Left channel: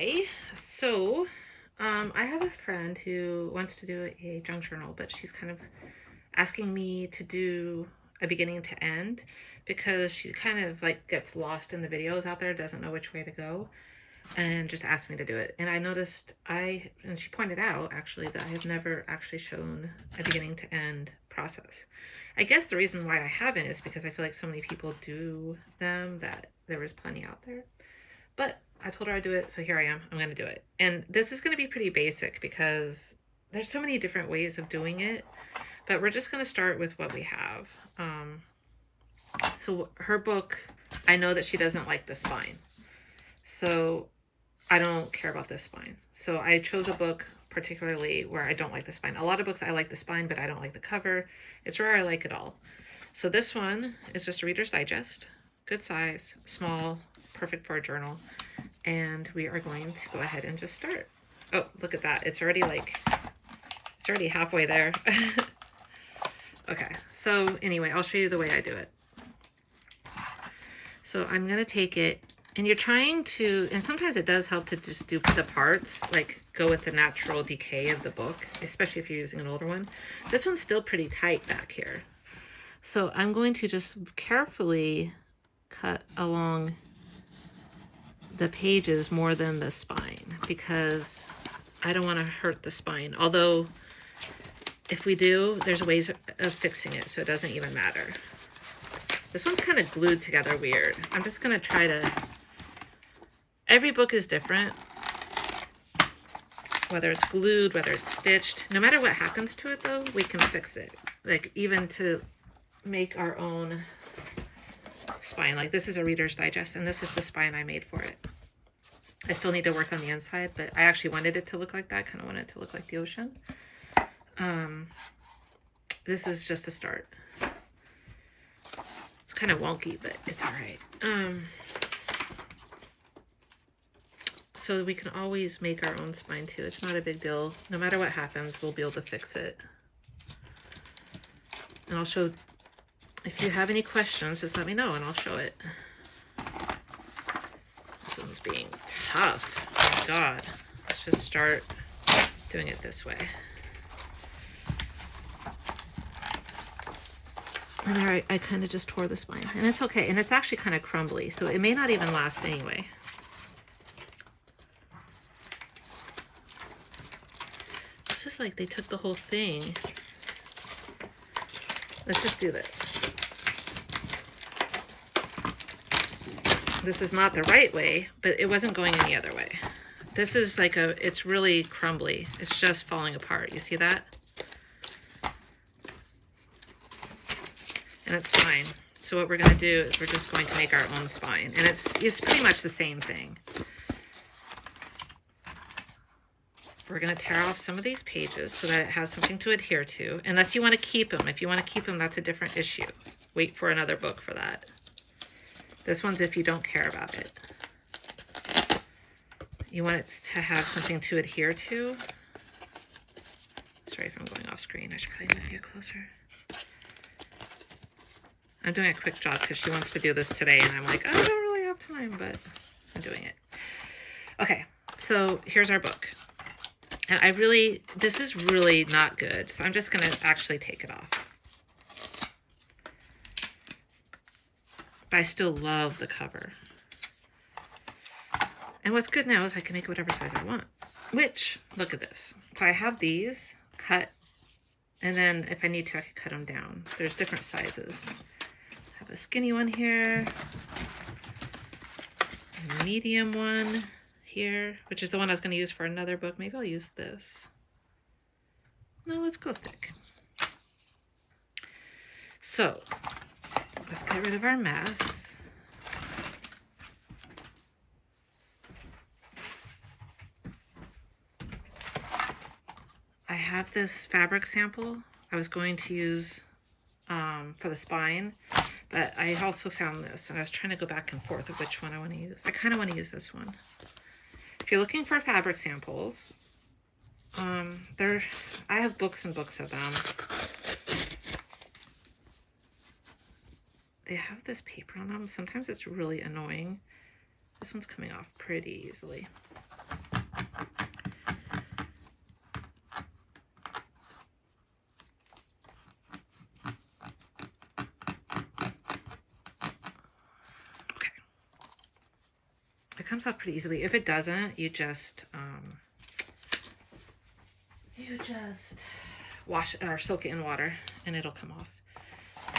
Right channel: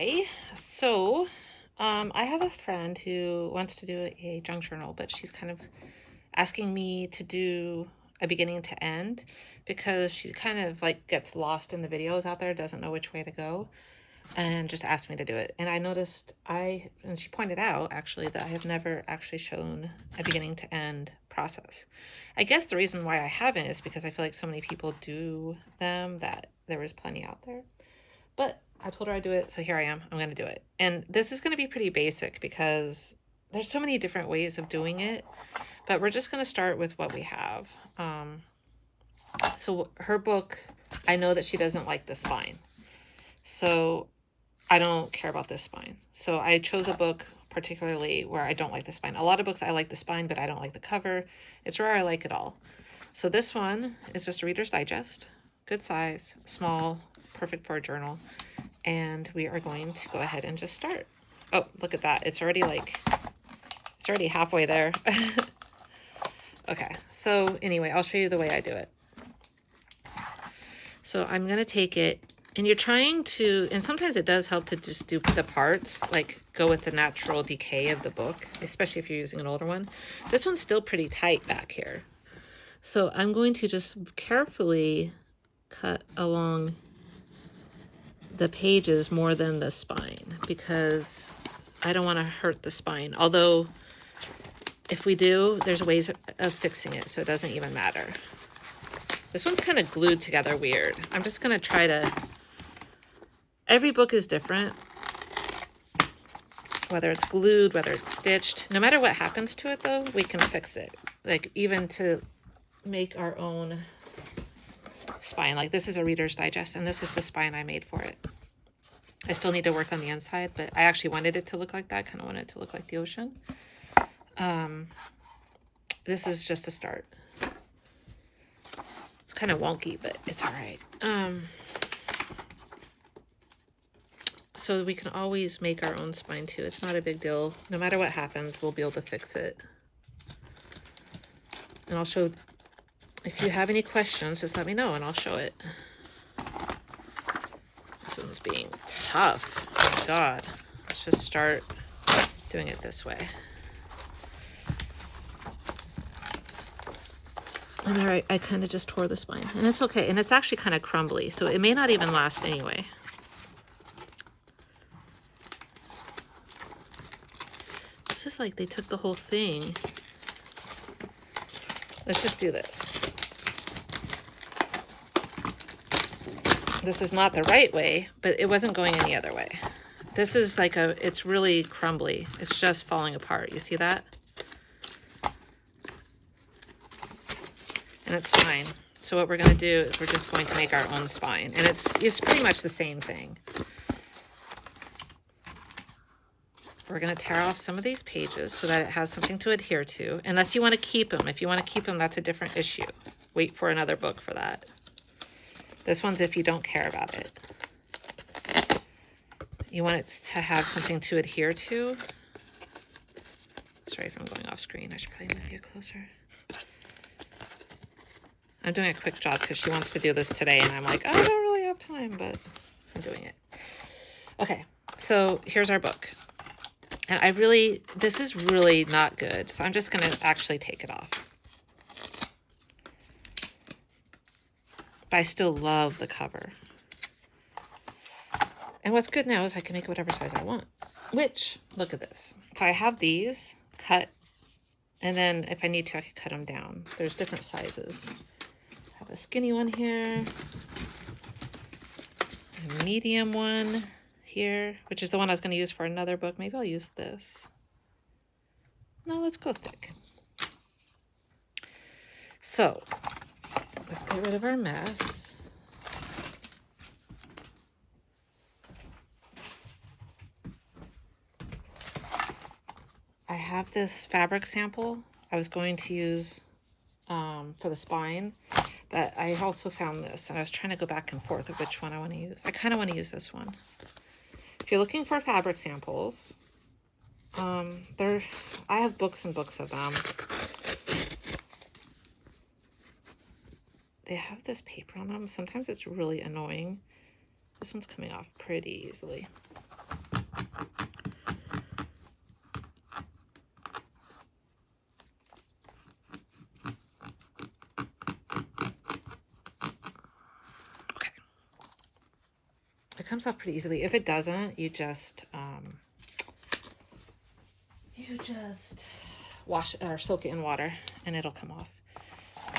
Hi. So, I have a friend who wants to do a junk journal, but she's kind of asking me to do a beginning to end because she kind of like gets lost in the videos out there, doesn't know which way to go, and just asked me to do it. And I noticed and she pointed out actually that I have never actually shown a beginning to end process. I guess the reason why I haven't is because I feel like so many people do them that there is plenty out there. But I told her I'd do it, so here I am. I'm going to do it. And this is going to be pretty basic because there's so many different ways of doing it, but we're just going to start with what we have. So her book, I know that she doesn't like the spine. So I don't care about this spine. So I chose a book particularly where I don't like the spine. A lot of books I like the spine, but I don't like the cover. It's rare I like it all. So this one is just a Reader's Digest. Good size, small, perfect for a journal. And we are going to go ahead and just start. Oh, look at that. It's already halfway there. Okay, so anyway, I'll show you the way I do it. So I'm going to take it, and you're trying to, and sometimes it does help to just do the parts, like go with the natural decay of the book, especially if you're using an older one. This one's still pretty tight back here. So I'm going to just carefully cut along the pages more than the spine because I don't want to hurt the spine. Although if we do, there's ways of fixing it so it doesn't even matter. This one's kind of glued together weird. I'm just going to try to, every book is different, whether it's glued, whether it's stitched. No matter what happens to it though, we can fix it. Like even to make our own spine. Like this is a Reader's Digest and this is the spine I made for it. I still need to work on the inside, but I actually wanted it to look like that. Kind of wanted it to look like the ocean. This is just a start. It's kind of wonky, but it's all right. So we can always make our own spine too. It's not a big deal. No matter what happens, we'll be able to fix it. And I'll show, if you have any questions, just let me know and I'll show it. This one's being tough. Oh my God. Let's just start doing it this way. And all right, I kind of just tore the spine. And it's okay. And it's actually kind of crumbly, so it may not even last anyway. This is like they took the whole thing. Let's just do this. This is not the right way, but it wasn't going any other way. This is like it's really crumbly. It's just falling apart. You see that? And it's fine. So what we're going to do is we're just going to make our own spine. And it's pretty much the same thing. We're going to tear off some of these pages so that it has something to adhere to. Unless you want to keep them. If you want to keep them, that's a different issue. Wait for another book for that. This one's if you don't care about it. You want it to have something to adhere to. Sorry if I'm going off screen. I should probably move you closer. I'm doing a quick job because she wants to do this today and I'm like, I don't really have time, but I'm doing it. Okay, so here's our book. And this is really not good. So I'm just going to actually take it off. But I still love the cover. And what's good now is I can make whatever size I want. Which, look at this. So I have these cut. And then if I need to, I can cut them down. There's different sizes. I have a skinny one here. A medium one here, which is the one I was going to use for another book. Maybe I'll use this. No, let's go thick. So let's get rid of our mess. I have this fabric sample I was going to use for the spine, but I also found this and I was trying to go back and forth of which one I want to use. I kind of want to use this one. If you're looking for fabric samples, I have books and books of them. They have this paper on them. Sometimes it's really annoying. This one's coming off pretty easily. It comes off pretty easily. If it doesn't, you just wash or soak it in water and it'll come off.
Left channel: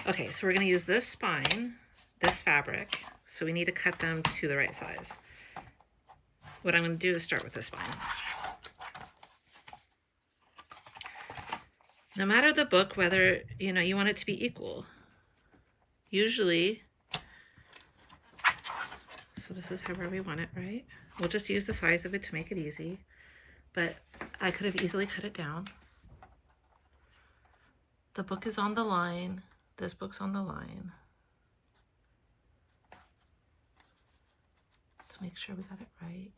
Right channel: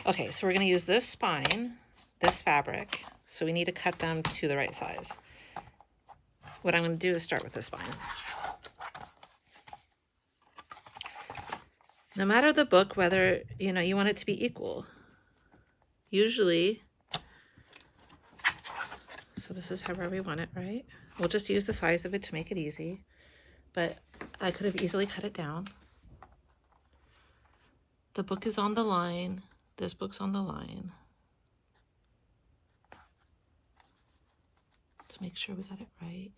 Okay, so we're going to use this spine, this fabric. So we need to cut them to the right size. What I'm going to do is start with the spine. No matter the book, whether, you know, you want it to be equal. Usually, so this is however we want it, right? We'll just use the size of it to make it easy. But I could have easily cut it down. The book is on the line. This book's on the line. Let's make sure we got it right.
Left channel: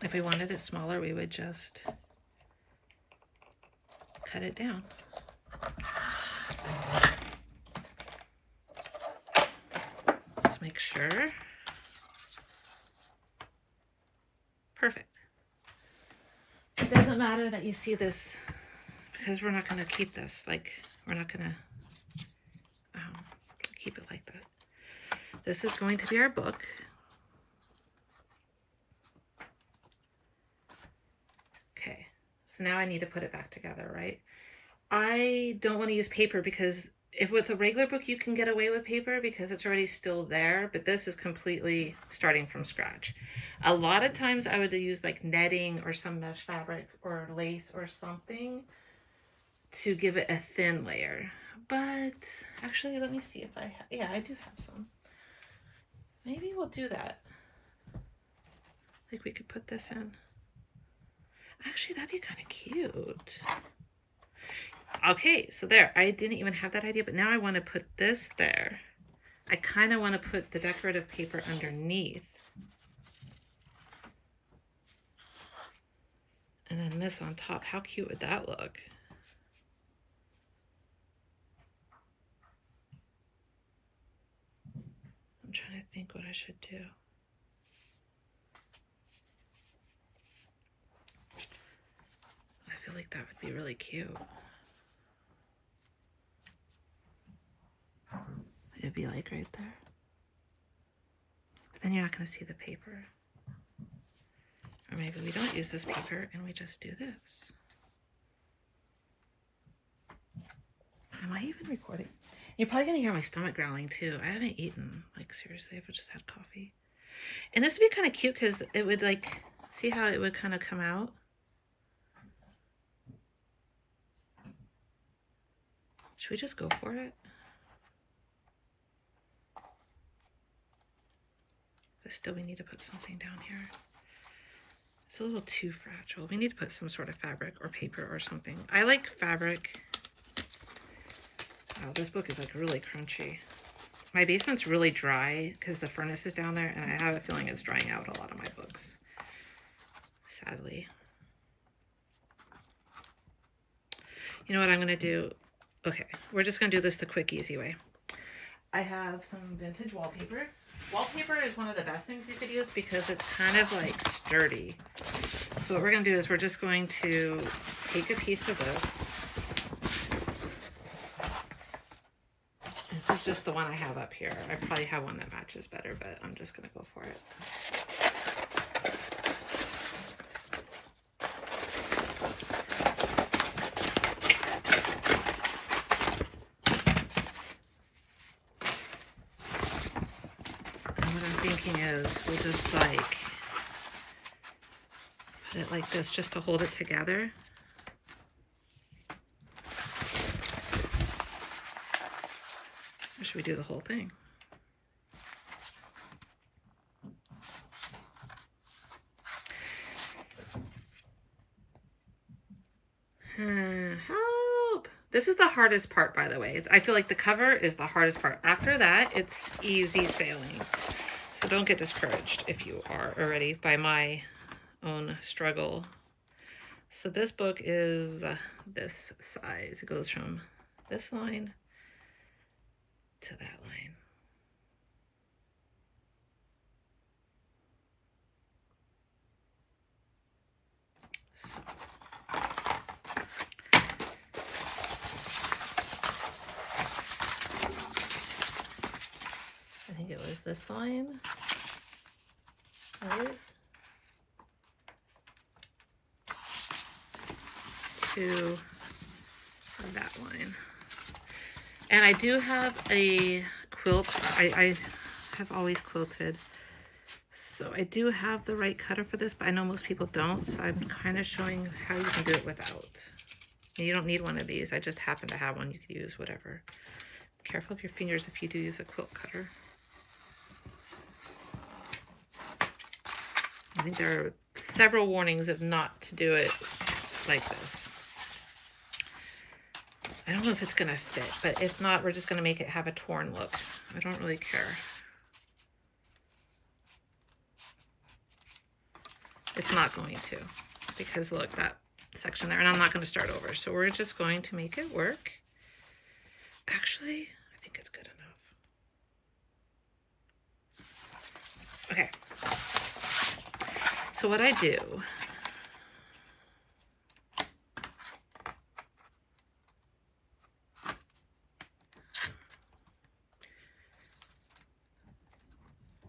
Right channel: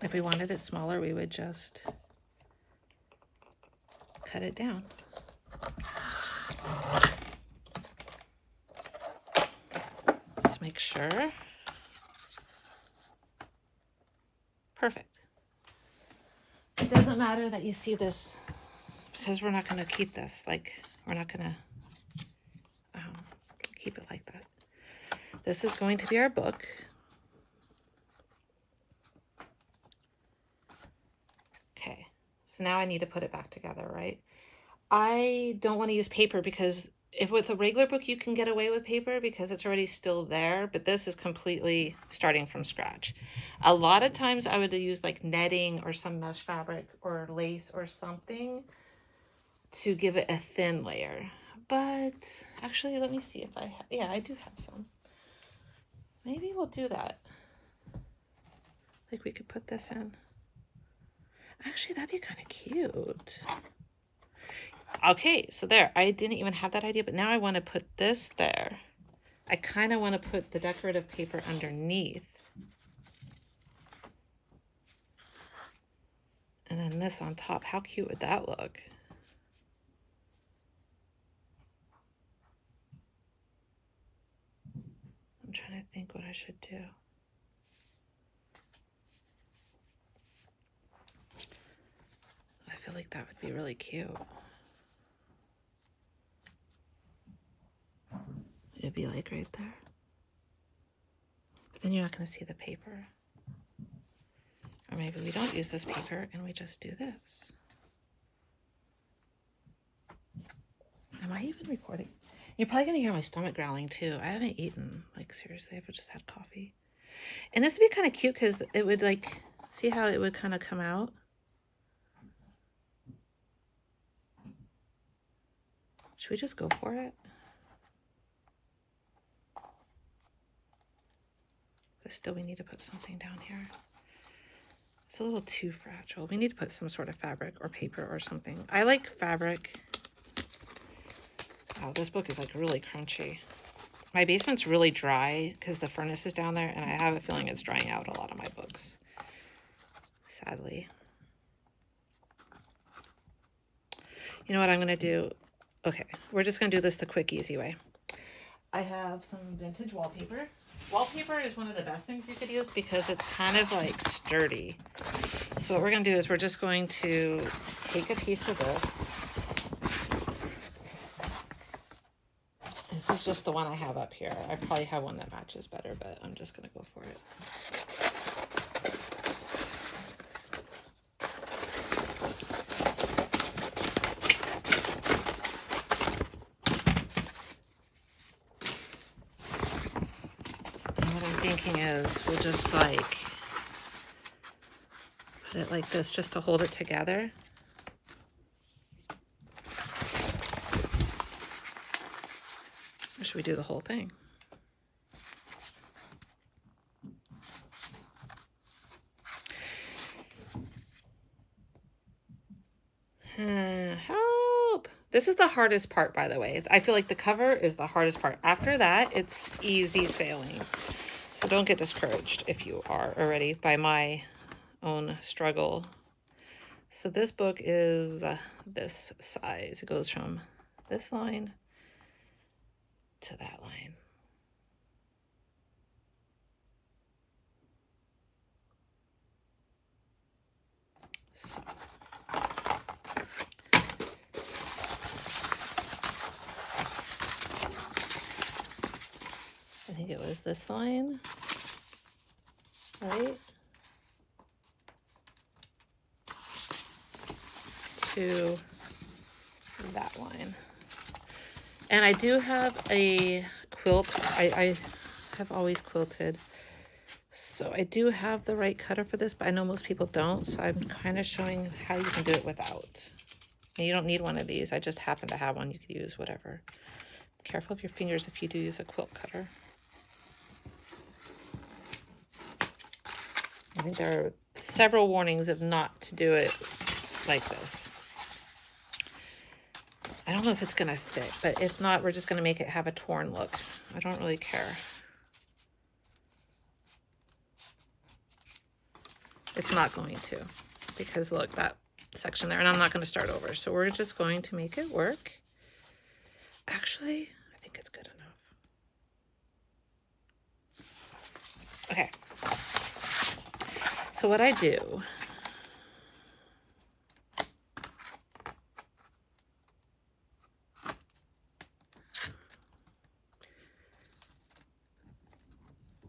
If we wanted it smaller, we would just cut it down. Let's make sure. Perfect. It doesn't matter that you see this because we're not going to keep this. Like, we're not going to keep it like that. This is going to be our book. Okay, so now I need to put it back together, right? I don't want to use paper because if with a regular book you can get away with paper because it's already still there, but this is completely starting from scratch. A lot of times I would use like netting or some mesh fabric or lace or something to give it a thin layer. But actually, let me see if I have, yeah, I do have some. Maybe we'll do that. Like we could put this in. Actually, that'd be kind of cute. Okay, so there. I didn't even have that idea, but now I want to put this there. I kind of want to put the decorative paper underneath. And then this on top. How cute would that look? I'm trying to think what I should do. I feel like that would be really cute. It'd be like right there. But then you're not going to see the paper. Or maybe we don't use this paper and we just do this. Am I even recording? You're probably going to hear my stomach growling too. I haven't eaten. Like seriously, I've just had coffee. And this would be kind of cute because it would like, see how it would kind of come out? Should we just go for it? But still we need to put something down here. It's a little too fragile. We need to put some sort of fabric or paper or something. I like fabric. Wow, this book is like really crunchy. My basement's really dry because the furnace is down there and I have a feeling it's drying out a lot of my books. Sadly. You know what I'm going to do? Okay, we're just going to do this the quick, easy way. I have some vintage wallpaper. Wallpaper is one of the best things you could use because it's kind of like sturdy. So what we're going to do is we're just going to take a piece of this. This is just the one I have up here. I probably have one that matches better, but I'm just going to go for it. Is we'll just like put it like this just to hold it together. Or should we do the whole thing? Help! This is the hardest part, by the way. I feel like the cover is the hardest part. After that, it's easy sailing. So don't get discouraged if you are already by my own struggle. So this book is this size. It goes from this line to that line. is this line, right, to that line. And I do have a quilt. I have always quilted, so I do have the right cutter for this, but I know most people don't, so I'm kind of showing how you can do it without. And you don't need one of these. I just happen to have one. You could use whatever. Careful of your fingers if you do use a quilt cutter. I think there are several warnings of not to do it like this. I don't know if it's gonna fit, but if not, we're just gonna make it have a torn look. I don't really care. It's not going to, because look, that section there, and I'm not gonna start over. So we're just going to make it work. Actually, I think it's good enough. Okay. So what I do,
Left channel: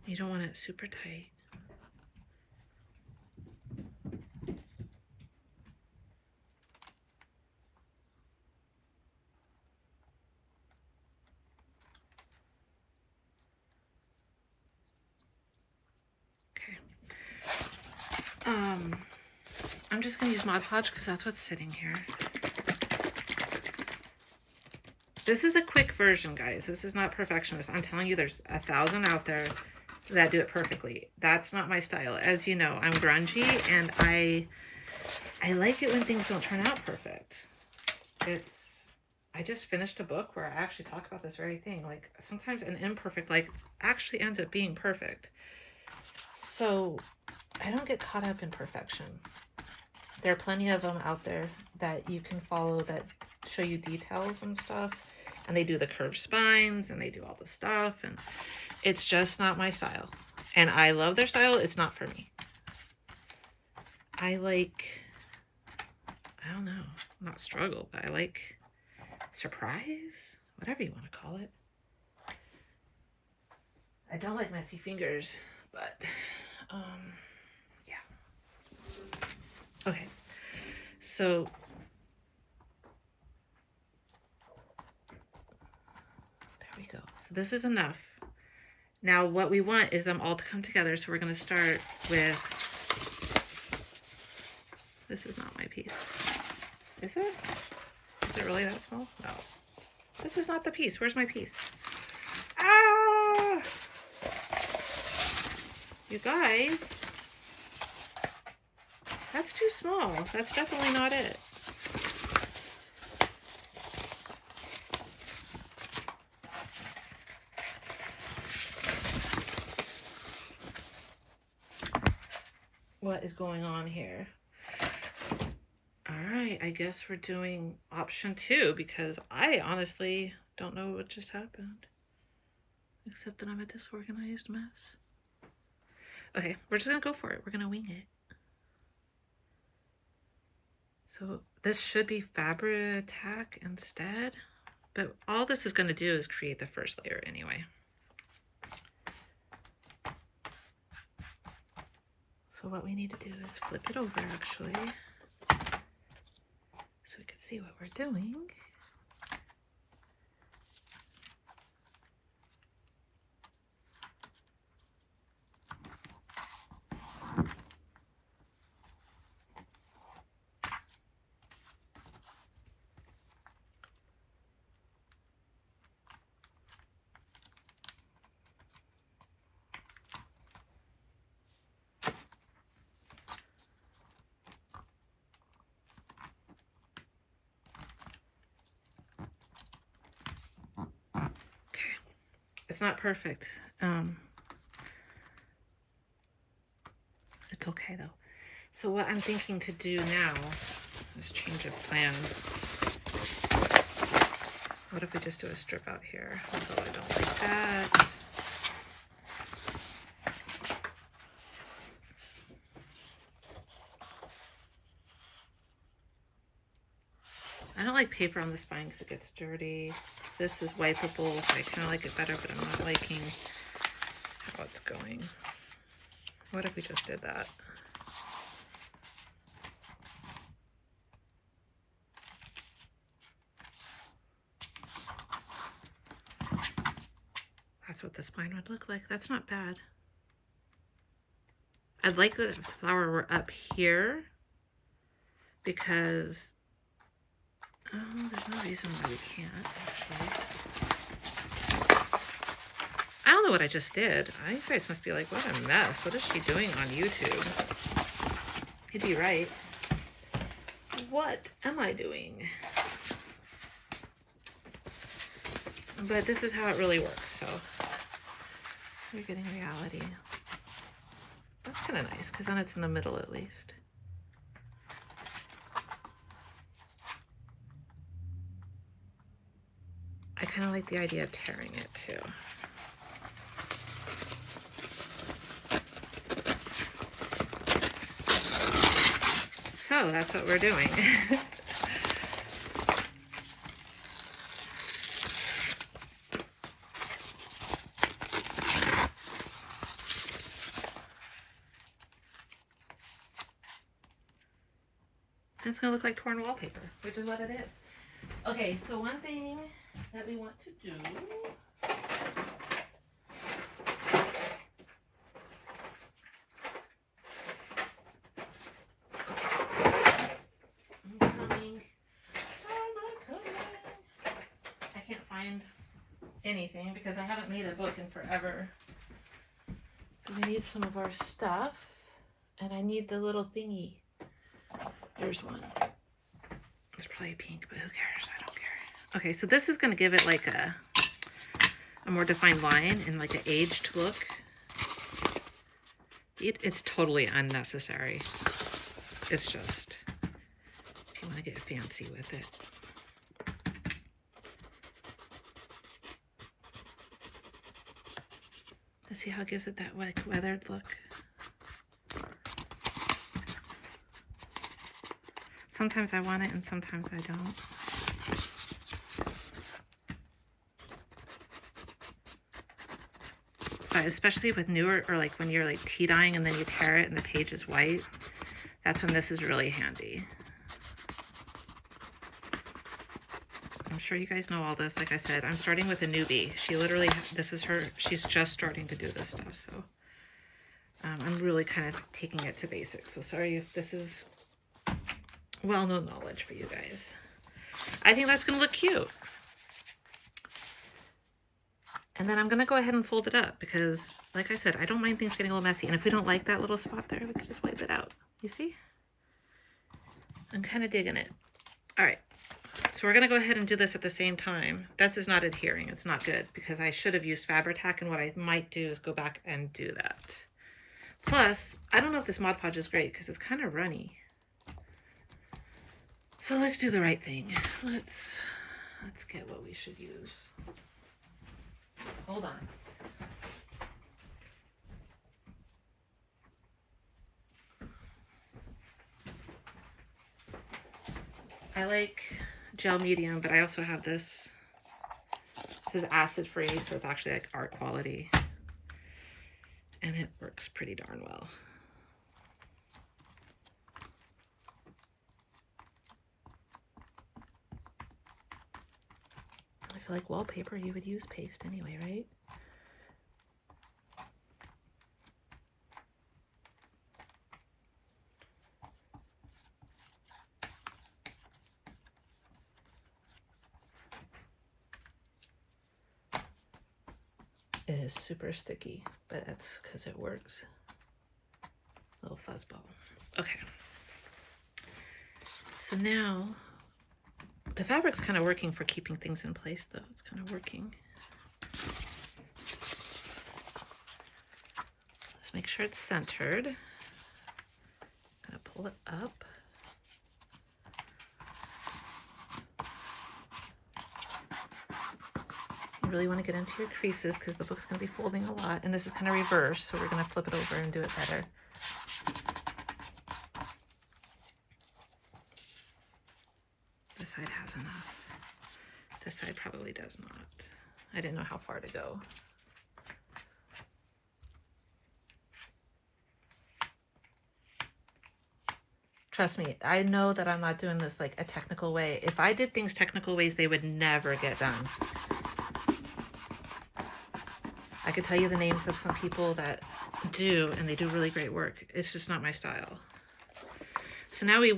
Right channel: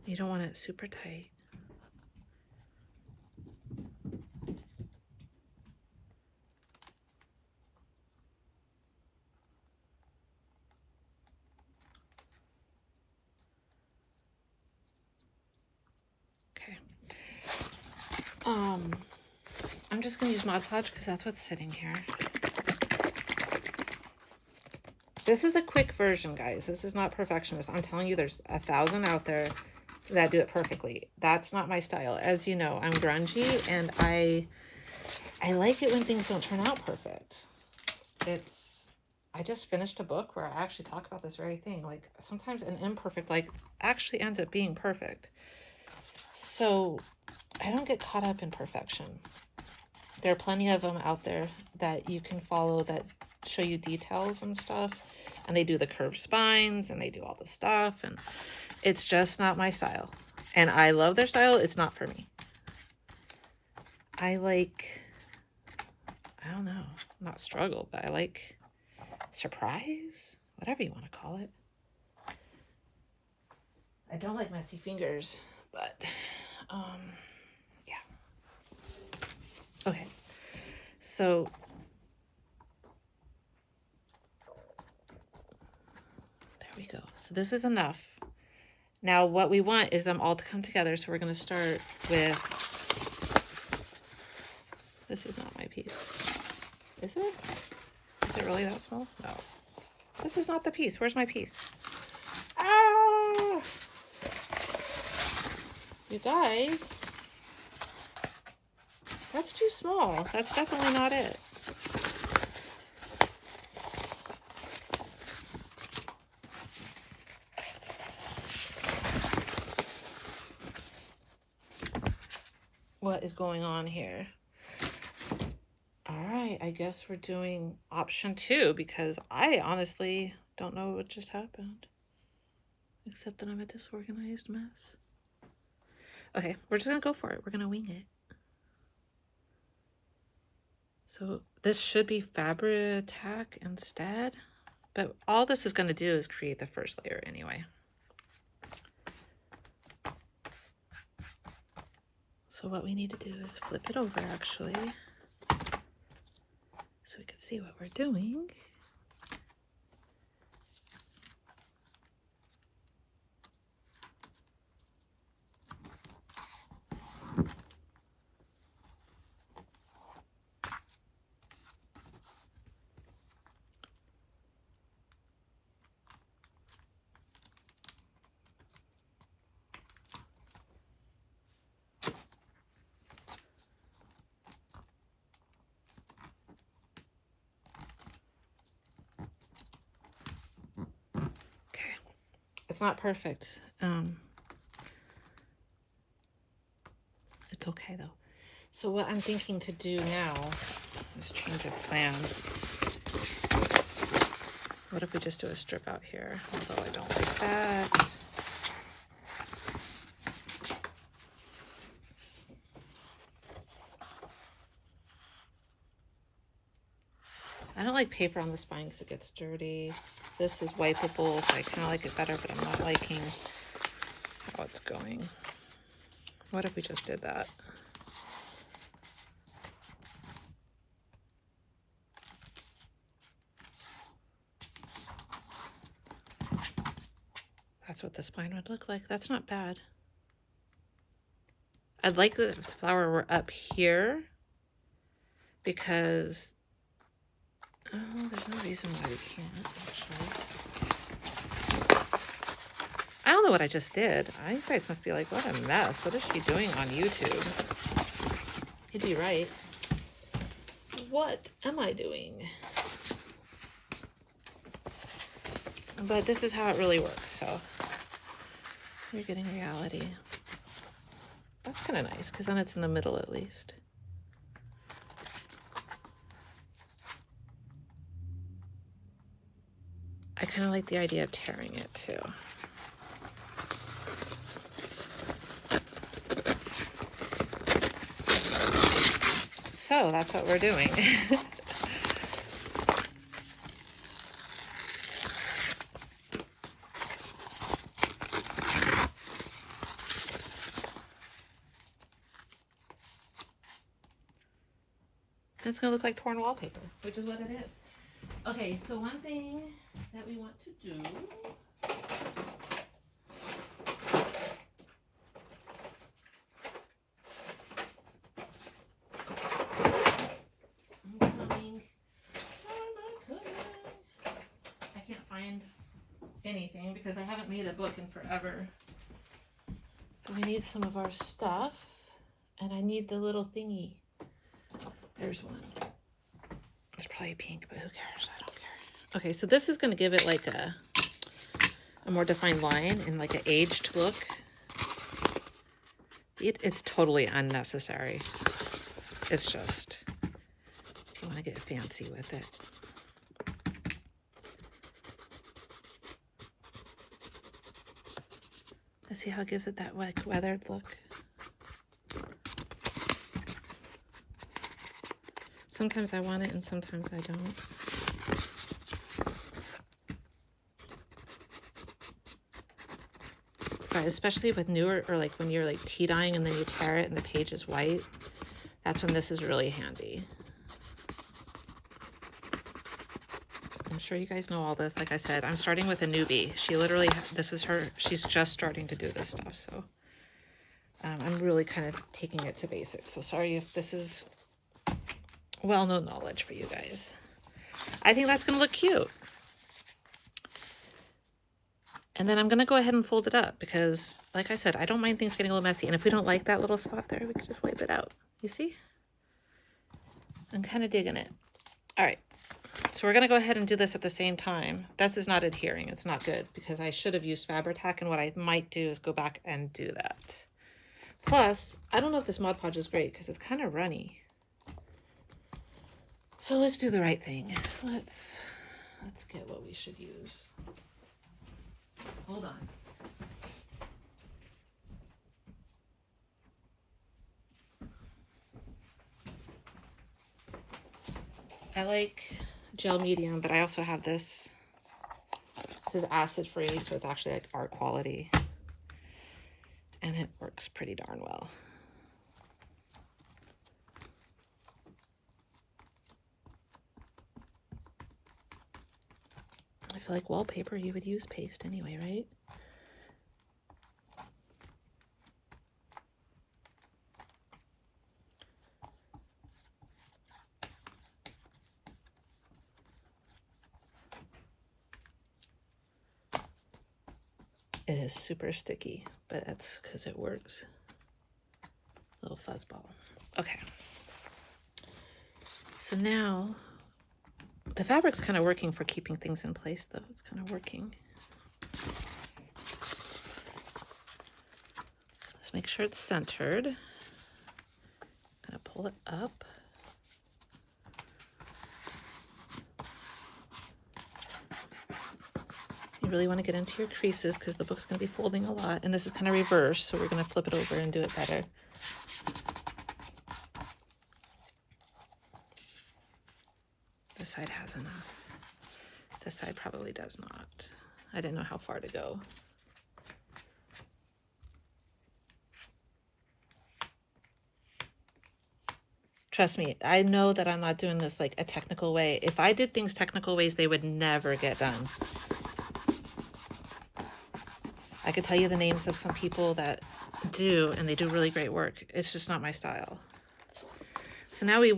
you don't want it super tight. Okay. I'm just gonna use Mod Podge because that's what's sitting here. This is a quick version, guys. This is not perfectionist. I'm telling you, there's 1,000 out there that do it perfectly. That's not my style. As you know, I'm grungy, and I like it when things don't turn out perfect. I just finished a book where I actually talk about this very thing. Like, sometimes an imperfect, like, actually ends up being perfect. So I don't get caught up in perfection. There are plenty of them out there that you can follow that show you details and stuff, and they do the curved spines and they do all the stuff, and it's just not my style. And I love their style. It's not for me. I like, I don't know, not struggle, but I like surprise, whatever you want to call it. I don't like messy fingers, but yeah. Okay, so there we go. So this is enough. Now what we want is them all to come together. So we're going to start with, this is not my piece. Is it? Is it really that small? No. This is not the piece. Where's my piece? Ah! You guys, that's too small. That's definitely not it. What is going on here? All right, I guess we're doing option 2 because I honestly don't know what just happened, except that I'm a disorganized mess. Okay, we're just gonna go for it. We're gonna wing it. So this should be Fabri-Tac instead, but all this is gonna do is create the first layer anyway. So what we need to do is flip it over actually, so we can see what we're doing. It's not perfect. It's okay though. So what I'm thinking to do now is change our plan. What if we just do a strip out here? Although I don't like that. I don't like paper on the spine because it gets dirty. This is wipeable, so I kind of like it better, but I'm not liking how it's going. What if we just did that? That's what the spine would look like. That's not bad. I'd like the flower were up here because, oh, there's no reason why we can't, actually. I don't know what I just did. You guys must be like, what a mess. What is she doing on YouTube? You'd be right. What am I doing? But this is how it really works, so you're getting reality. That's kind of nice, because then it's in the middle at least. I kind of like the idea of tearing it, too. So that's what we're doing. It's gonna look like torn wallpaper, which is what it is. Okay, so one thing that we want to do, I can't find anything because I haven't made a book in forever. We need some of our stuff, and I need the little thingy. There's one. It's probably pink, but who cares? I don't care. Okay, so this is going to give it like a more defined line and like an aged look. It's totally unnecessary. It's just, I want to get fancy with it. Let's see how it gives it that like weathered look. Sometimes I want it and sometimes I don't. But especially with newer, or like when you're like tea dyeing and then you tear it and the page is white, that's when this is really handy. I'm sure you guys know all this. Like I said, I'm starting with a newbie. She literally, this is her, she's just starting to do this stuff. So I'm really kind of taking it to basics. So sorry if this is well-known knowledge for you guys. I think that's going to look cute. And then I'm going to go ahead and fold it up because, like I said, I don't mind things getting a little messy. And if we don't like that little spot there, we can just wipe it out. You see? I'm kind of digging it. All right. So we're going to go ahead and do this at the same time. This is not adhering. It's not good because I should have used Fabri-Tac, and what I might do is go back and do that. Plus, I don't know if this Mod Podge is great because it's kind of runny. So let's do the right thing. Let's get what we should use. Hold on. I like gel medium, but I also have this. This is acid free, so it's actually like art quality. And it works pretty darn well. I feel like wallpaper, you would use paste anyway, right? It is super sticky, but that's because it works. Little fuzzball. Okay. So now, the fabric's kind of working for keeping things in place, though. It's kind of working. Just make sure it's centered. I'm gonna pull it up. You really want to get into your creases because the book's going to be folding a lot. And this is kind of reverse, so we're going to flip it over and do it better. This side has enough. This side probably does not. I didn't know how far to go. Trust me, I know that I'm not doing this like a technical way. If I did things technical ways, they would never get done. I could tell you the names of some people that do, and they do really great work. It's just not my style. So now we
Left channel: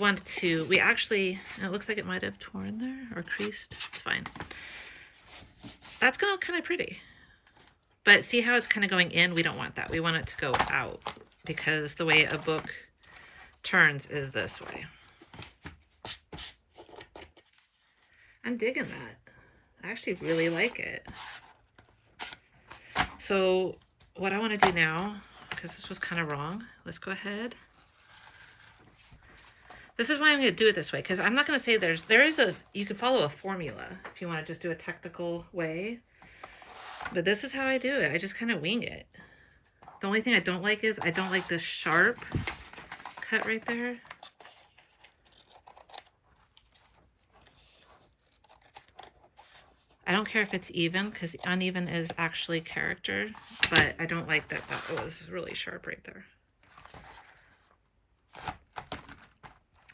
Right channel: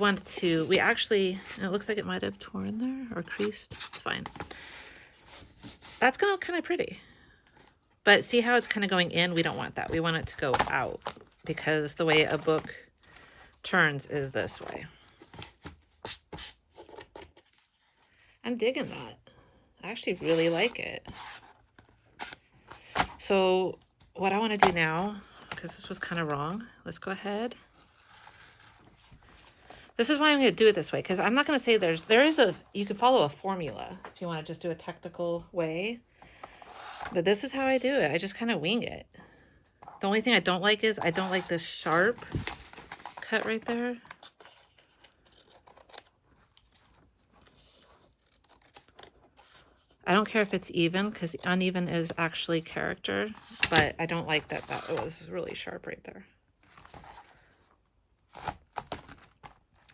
actually, and it looks like it might have torn there or creased. It's fine. That's gonna look kind of pretty. But see how it's kind of going in? We don't want that. We want it to go out because the way a book turns is this way. I'm digging that. I actually really like it. So what I want to do now, because this was kind of wrong, let's go ahead. This is why I'm going to do it this way, because I'm not going to say you can follow a formula if you want to just do a technical way. But this is how I do it. I just kind of wing it. The only thing I don't like is I don't like this sharp cut right there. I don't care if it's even, because uneven is actually character, but I don't like that was really sharp right there.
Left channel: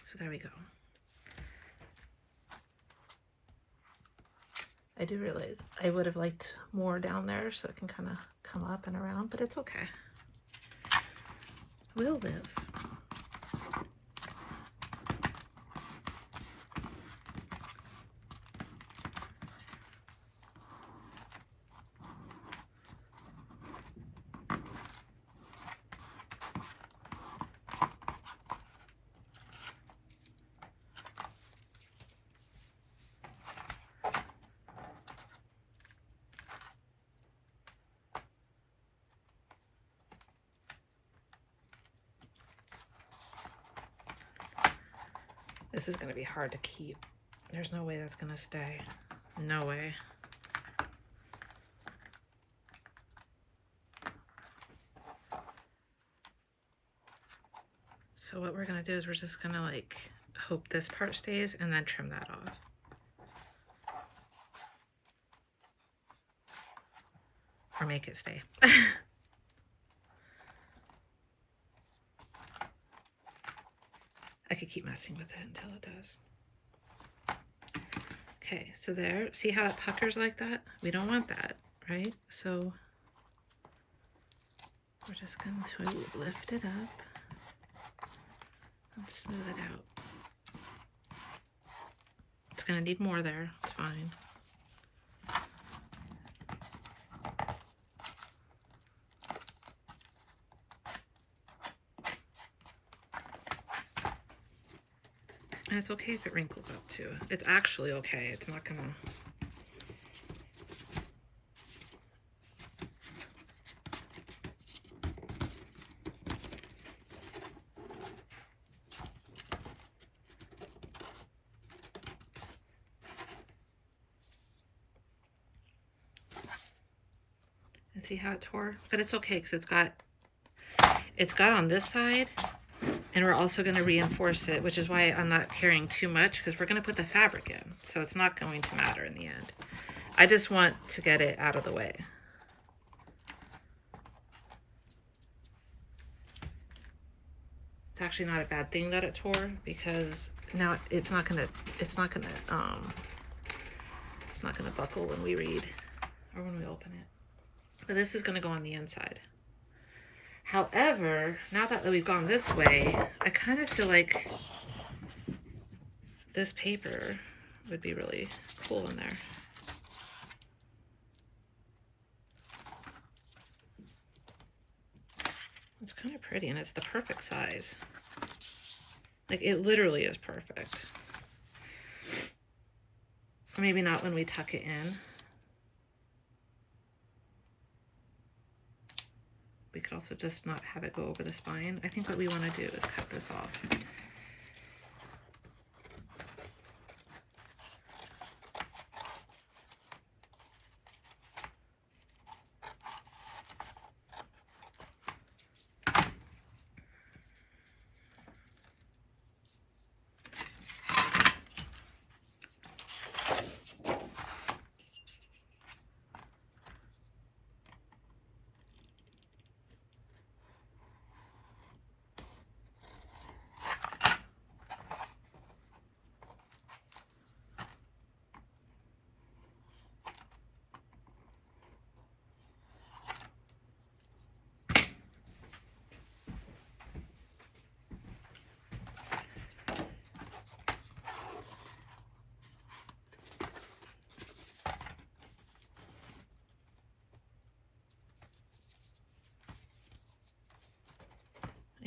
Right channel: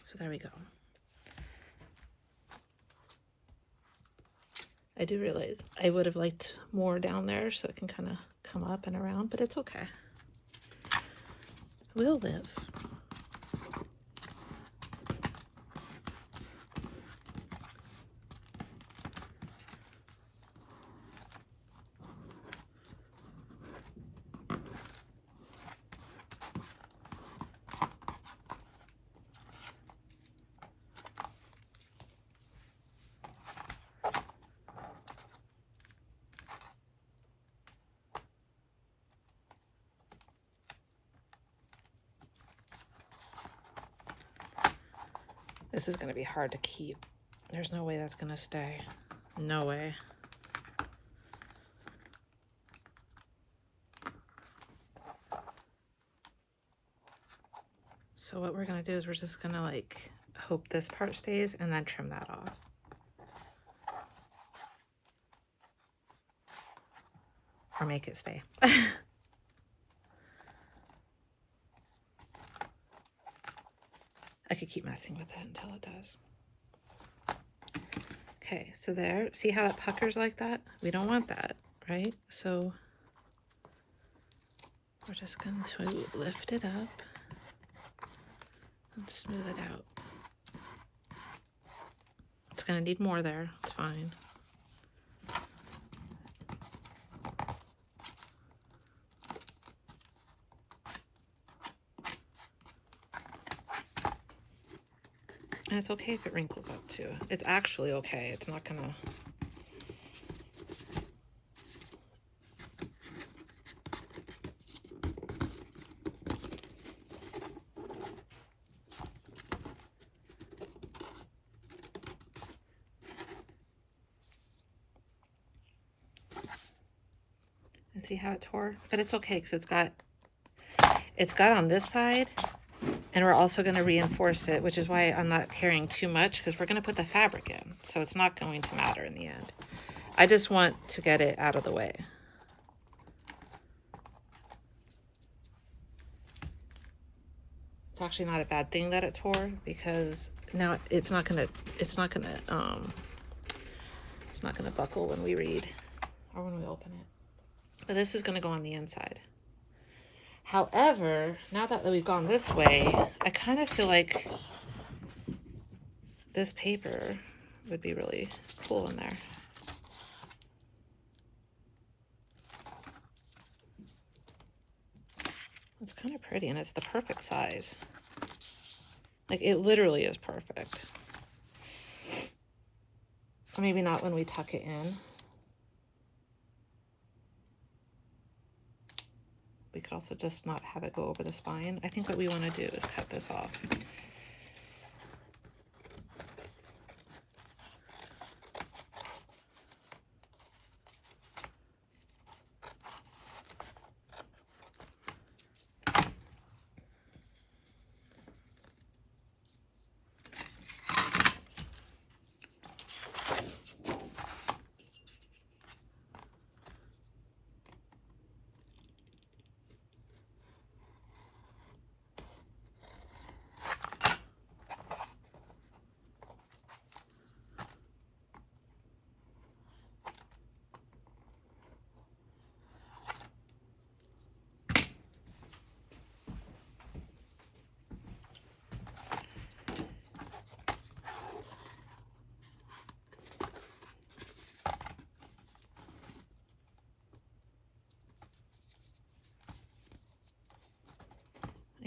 So there we go. I do realize I would have liked more down there so it can kind of come up and around, but it's okay. We'll live. This is going to be hard to keep. There's no way that's going to stay. No way. So what we're going to do is we're just going to like hope this part stays and then trim that off. Or make it stay. I could keep messing with it until it does. Okay, so there, see how it puckers like that? We don't want that, right? So we're just going to lift it up and smooth it out. It's going to need more there, it's fine. And it's okay if it wrinkles up too. It's actually okay. It's not gonna... And see how it tore? But it's okay because it's got on this side. And we're also going to reinforce it, which is why I'm not carrying too much, because we're going to put the fabric in. So it's not going to matter in the end. I just want to get it out of the way. It's actually not a bad thing that it tore, because now it's not going to buckle when we read or when we open it. But this is going to go on the inside. However, now that we've gone this way, I kind of feel like this paper would be really cool in there. It's kind of pretty, and it's the perfect size. Like, it literally is perfect. Maybe not when we tuck it in. We could also just not have it go over the spine. I think what we want to do is cut this off.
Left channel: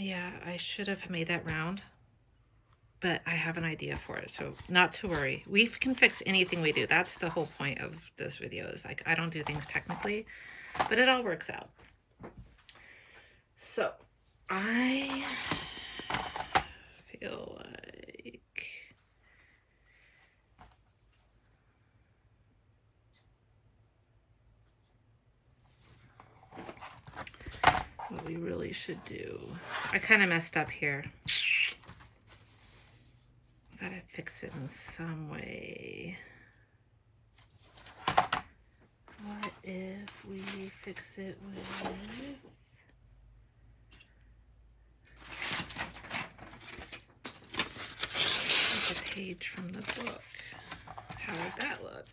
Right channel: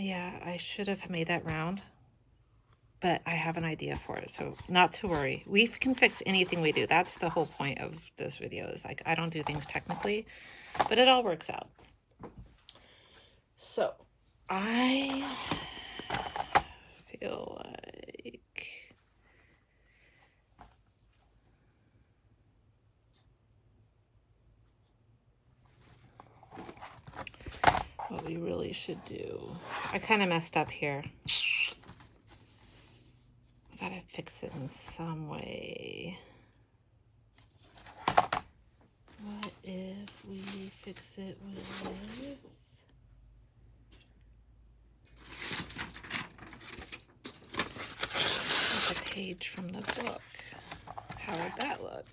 Yeah, I should have made that round, but I have an idea for it, so not to worry. We can fix anything we do. That's the whole point of this video, is like, I don't do things technically, but it all works out. So I feel like what we really should do, I kind of messed up here. Gotta fix it in some way. What if we fix it with a page from the book? How would that look?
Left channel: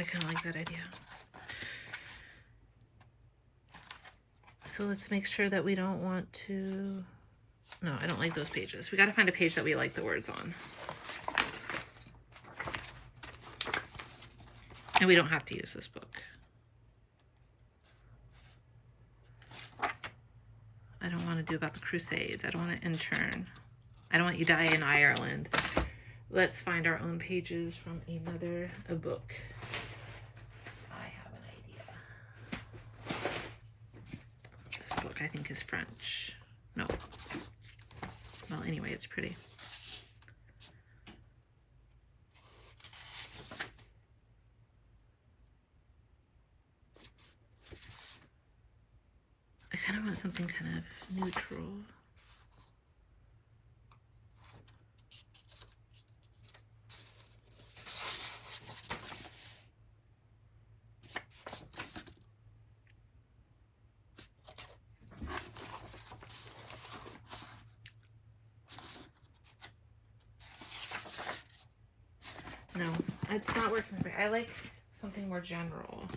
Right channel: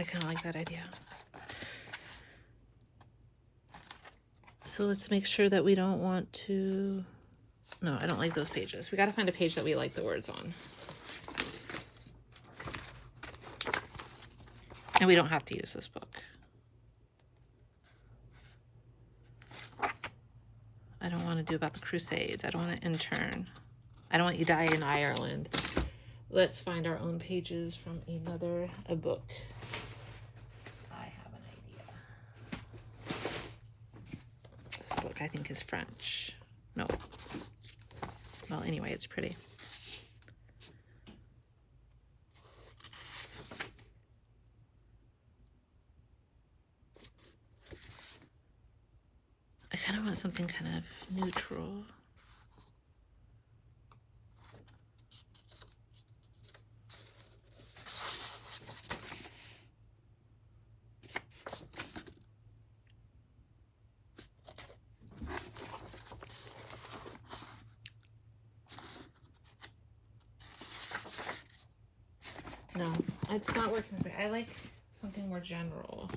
I kind of like that idea. So let's make sure that we don't want to... No, I don't like those pages. We got to find a page that we like the words on. And we don't have to use this book. I don't want to do about the Crusades. I don't want to intern. I don't want you to die in Ireland. Let's find our own pages from a book. I have an idea. This book, I think, is French. No. Well, anyway, it's pretty. I kind of want something kind of neutral. No, it's not working for me. I like something more general.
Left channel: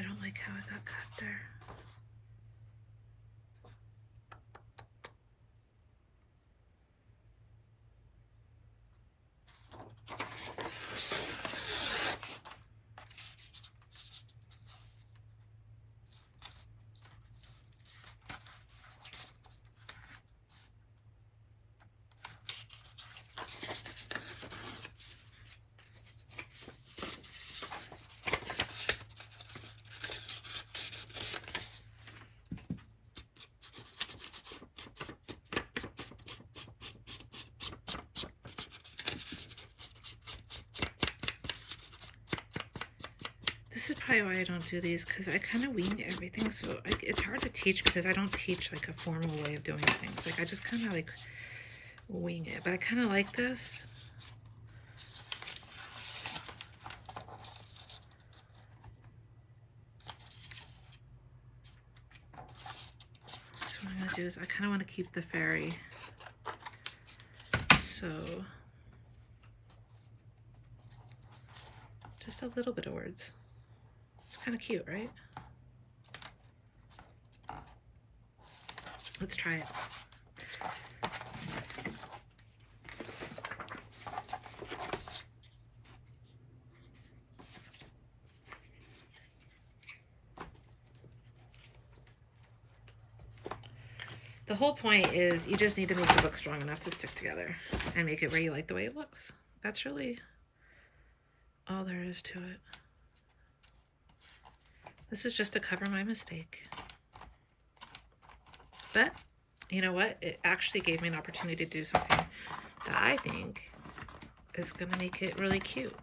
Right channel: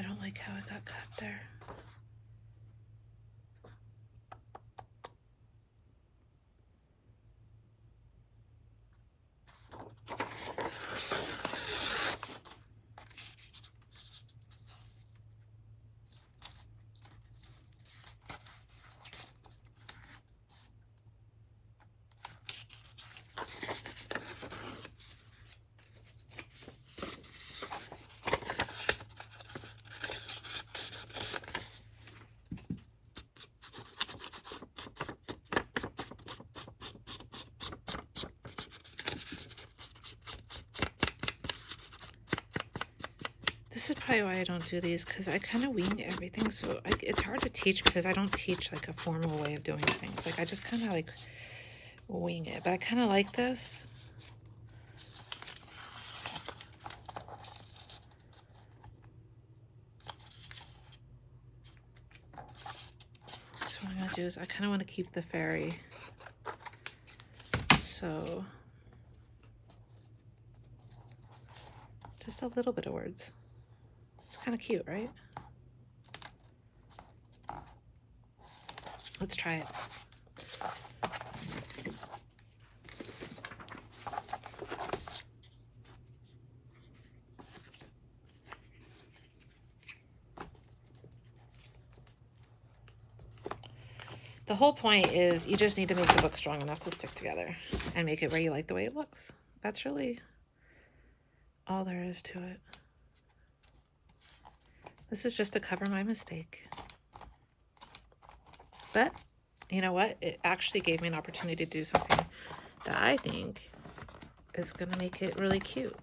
I don't like how it got cut there. This is probably why I don't do these, because I kind of wing everything, so it's hard to teach because I don't teach like a formal way of doing things. Like I just kind of like wing it, but I kind of like this. So what I'm gonna do is I kind of want to keep the fairy, so just a little bit of words. It's kind of cute, right? Let's try it. The whole point is you just need to make the book strong enough to stick together and make it where you like the way it looks. That's really all there is to it. This is just to cover my mistake. But you know what? It actually gave me an opportunity to do something that I think is going to make it really cute.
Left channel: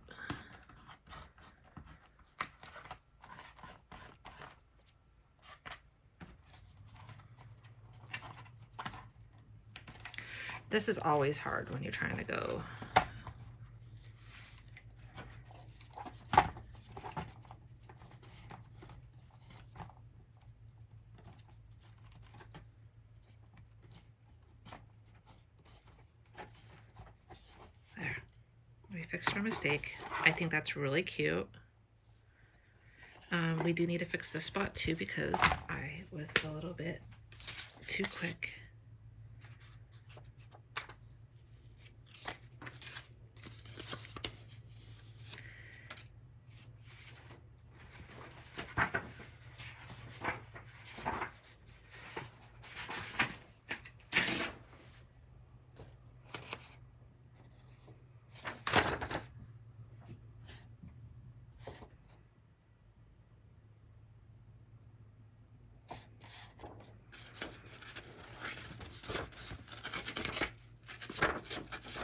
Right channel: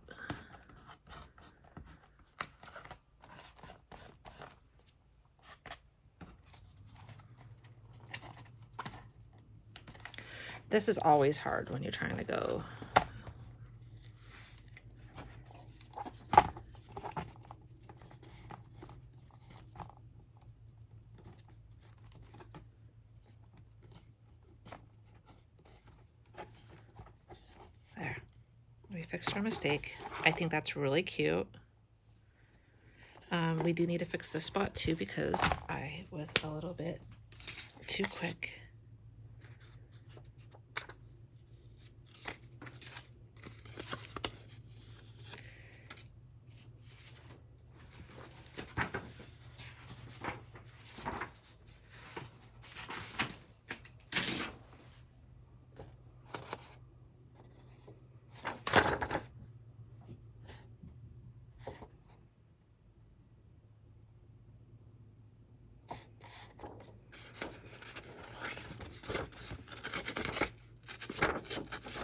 This is always hard when you're trying to go. There, we fixed our mistake. I think that's really cute. We do need to fix this spot too because I was a little bit too quick.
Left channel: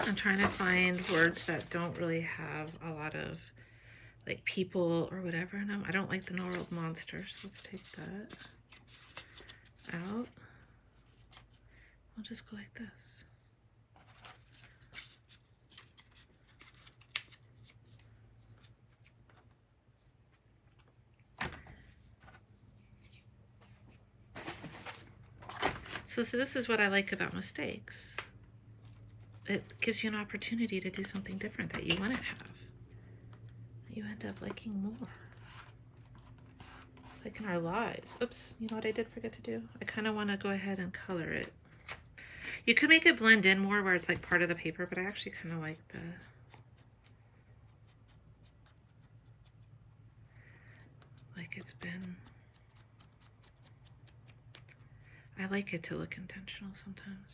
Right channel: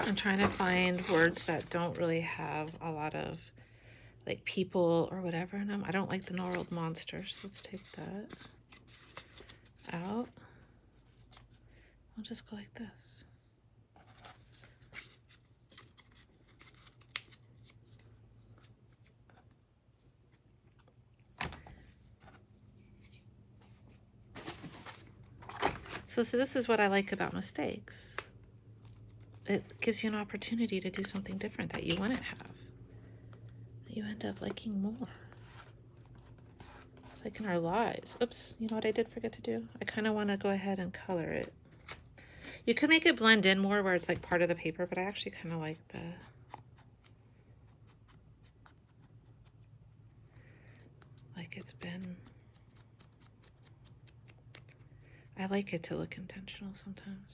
I'm trying to find words that don't really have a lot of like people or whatever in them. I don't like the gnarled monsters. Let's take that out. I'll just go like this. So this is what I like about mistakes. It gives you an opportunity to do something different that you want to have. You end up liking more. It's like in our lives. Oops, you know what I did forget to do? I kind of want to go ahead and color it. You could make it blend in more where it's like part of the paper, but I actually kind of like it's been, I like it to look intentional sometimes.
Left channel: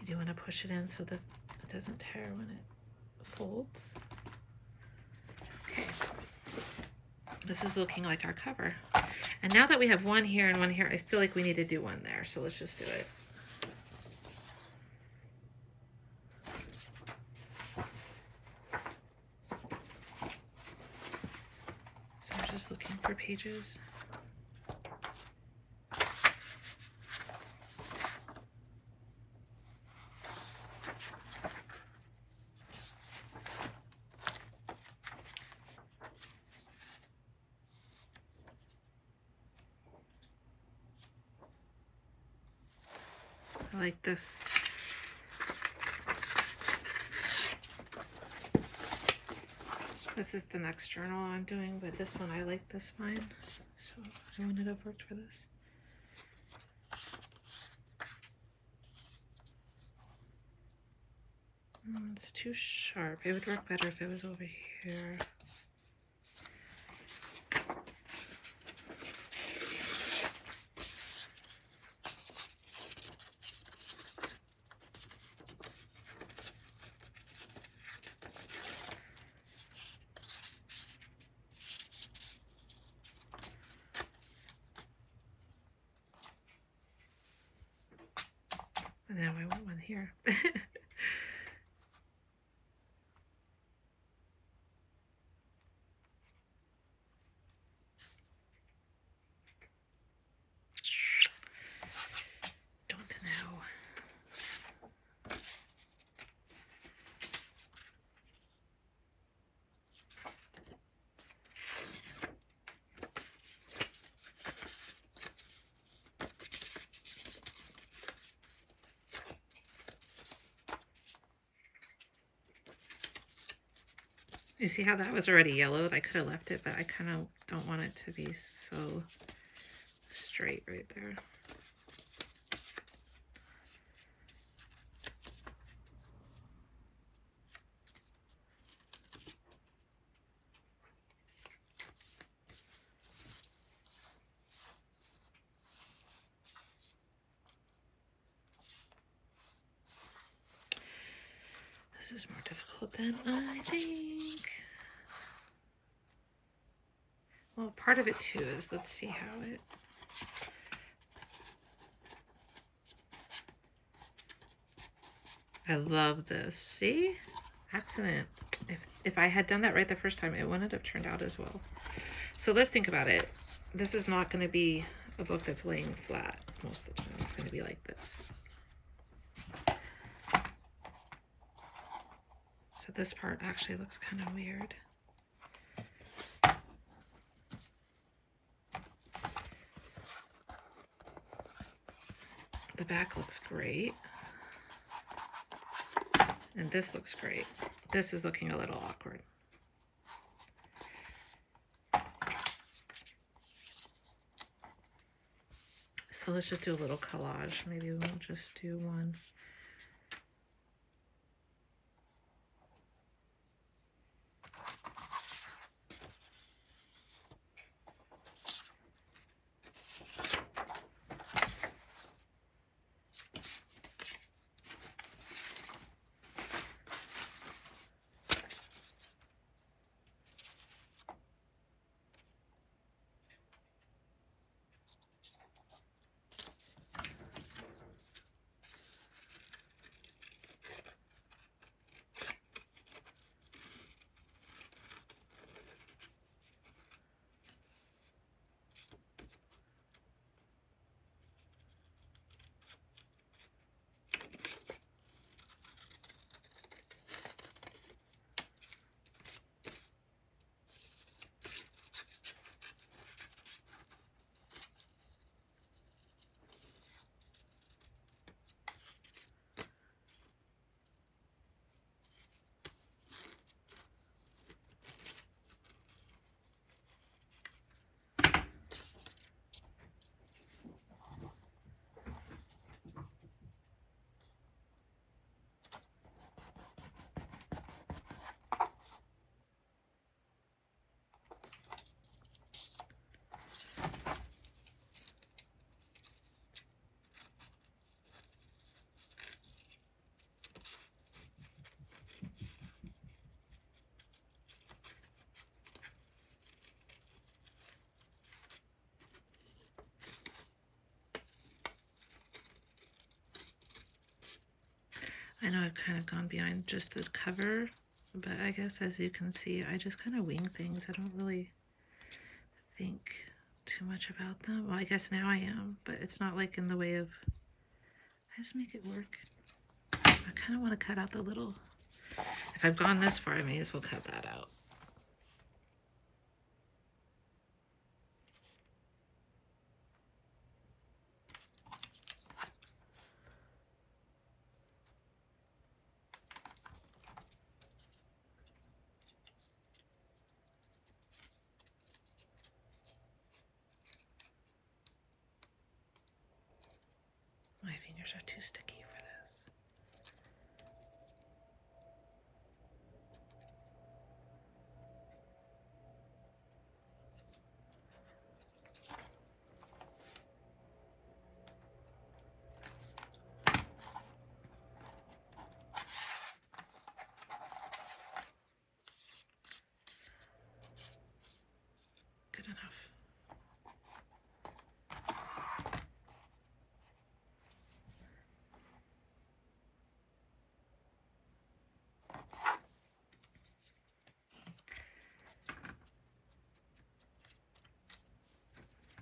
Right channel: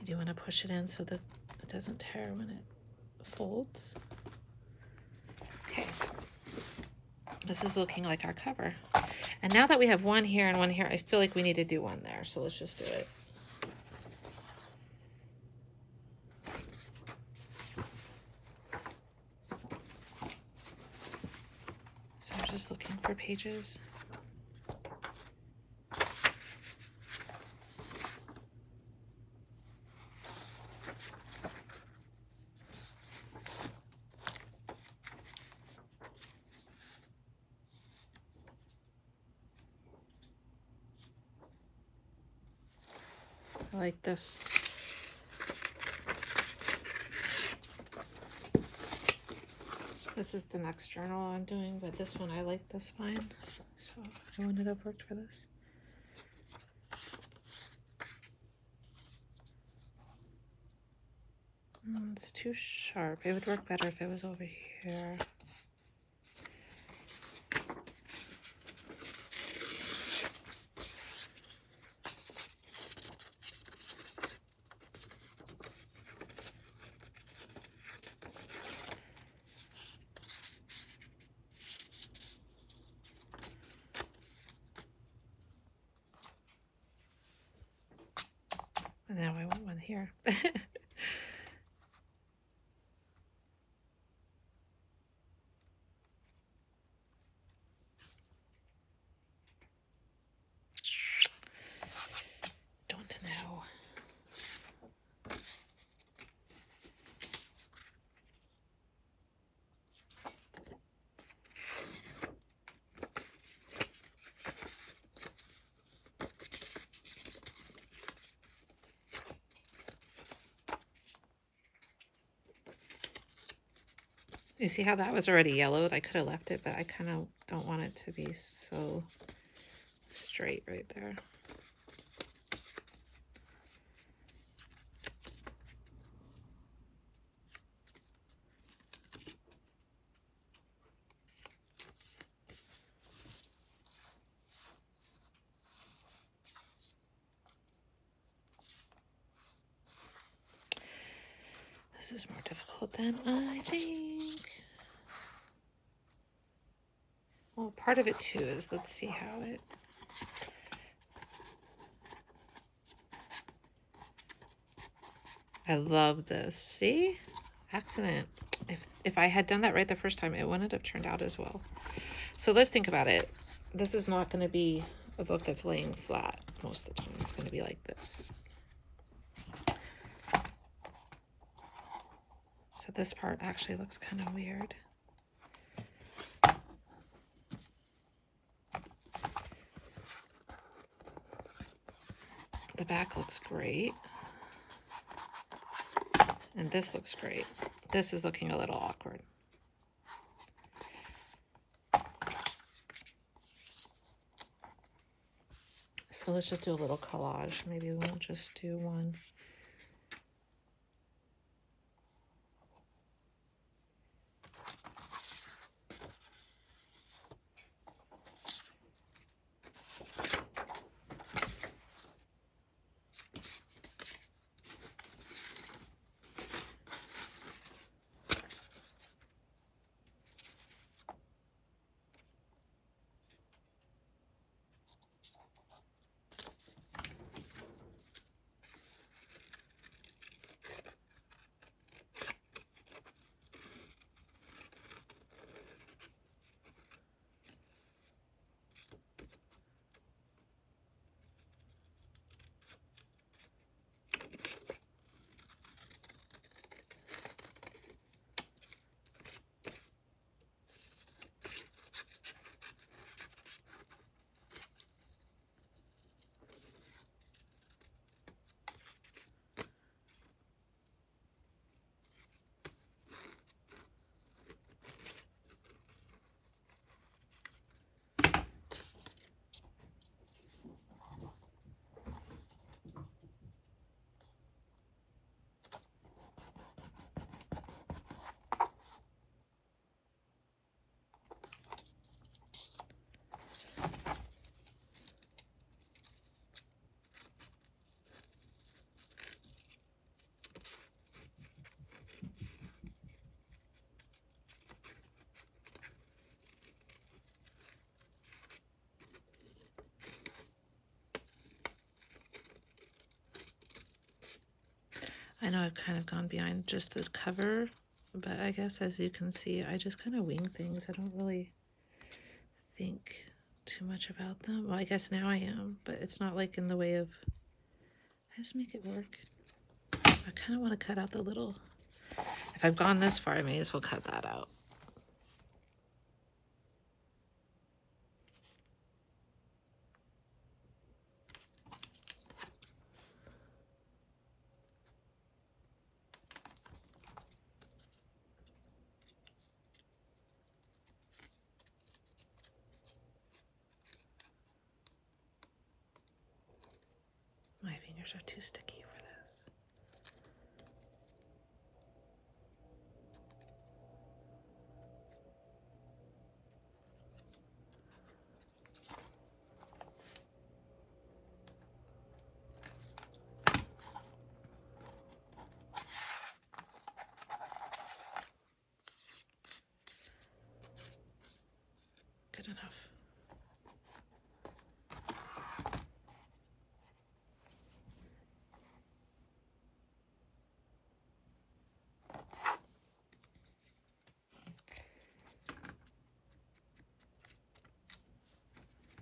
You do want to push it in so that it doesn't tear when it folds. Okay, this is looking like our cover. And now that we have one here and one here, I feel like we need to do one there. So let's just do it. So I'm just looking for pages. I like this. This is the next journal I'm doing, but this one I like this spine, so I wouldn't have worked for this. It's too sharp. It would work better if it was over here. And now I want one here. Don't know. You see how that was already yellowed? I could have left it, but I kind of don't want it to be so straight right there. This is more difficult than I think. Well, part of it too is, let's see how it... I love this. See? accident. If I had done that right the first time, it wouldn't have turned out as well. So let's think about it. This is not going to be a book that's laying flat most of the time. It's going to be like this. So this part actually looks kind of weird. The back looks great. And this looks great. This is looking a little awkward. So let's just do a little collage. Maybe we'll just do one. I know I've kind of gone behind just the cover, but I guess as you can see, I just kind of wing things. I don't really think too much about them. Well, I guess now I am, but it's not like in the way of, I just make it work. I kind of want to cut out the little, if I've gone this far, I may as well cut that out. My fingers are too sticky for this. Good enough.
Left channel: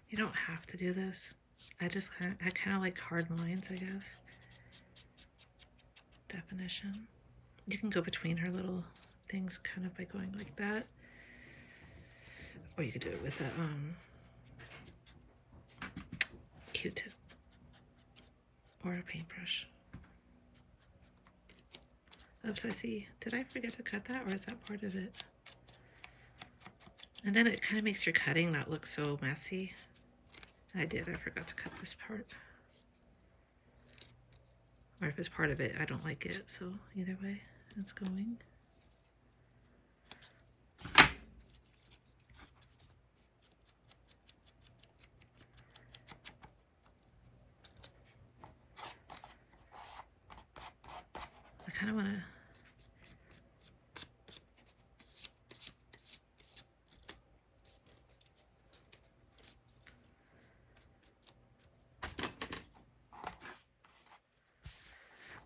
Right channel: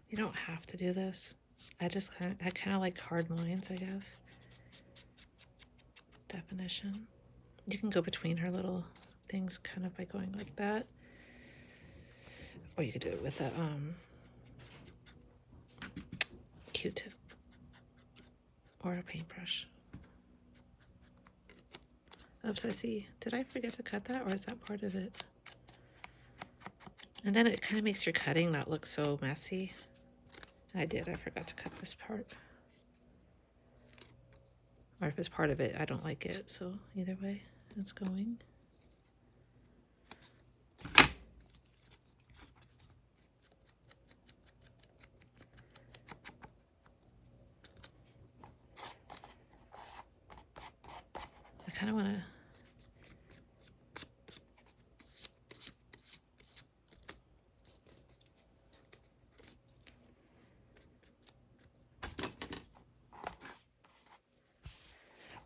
You don't have to do this. I kind of like hard lines, I guess. Definition. You can go between her little things kind of by going like that. Or you could do it with a Q-tip or a paintbrush. Oops, I see. Did I forget to cut that, or is that part of it? And then it kind of makes your cutting not look so messy. I forgot to cut this part. Or if it's part of it, I don't like it. So either way, it's going. I kind of want to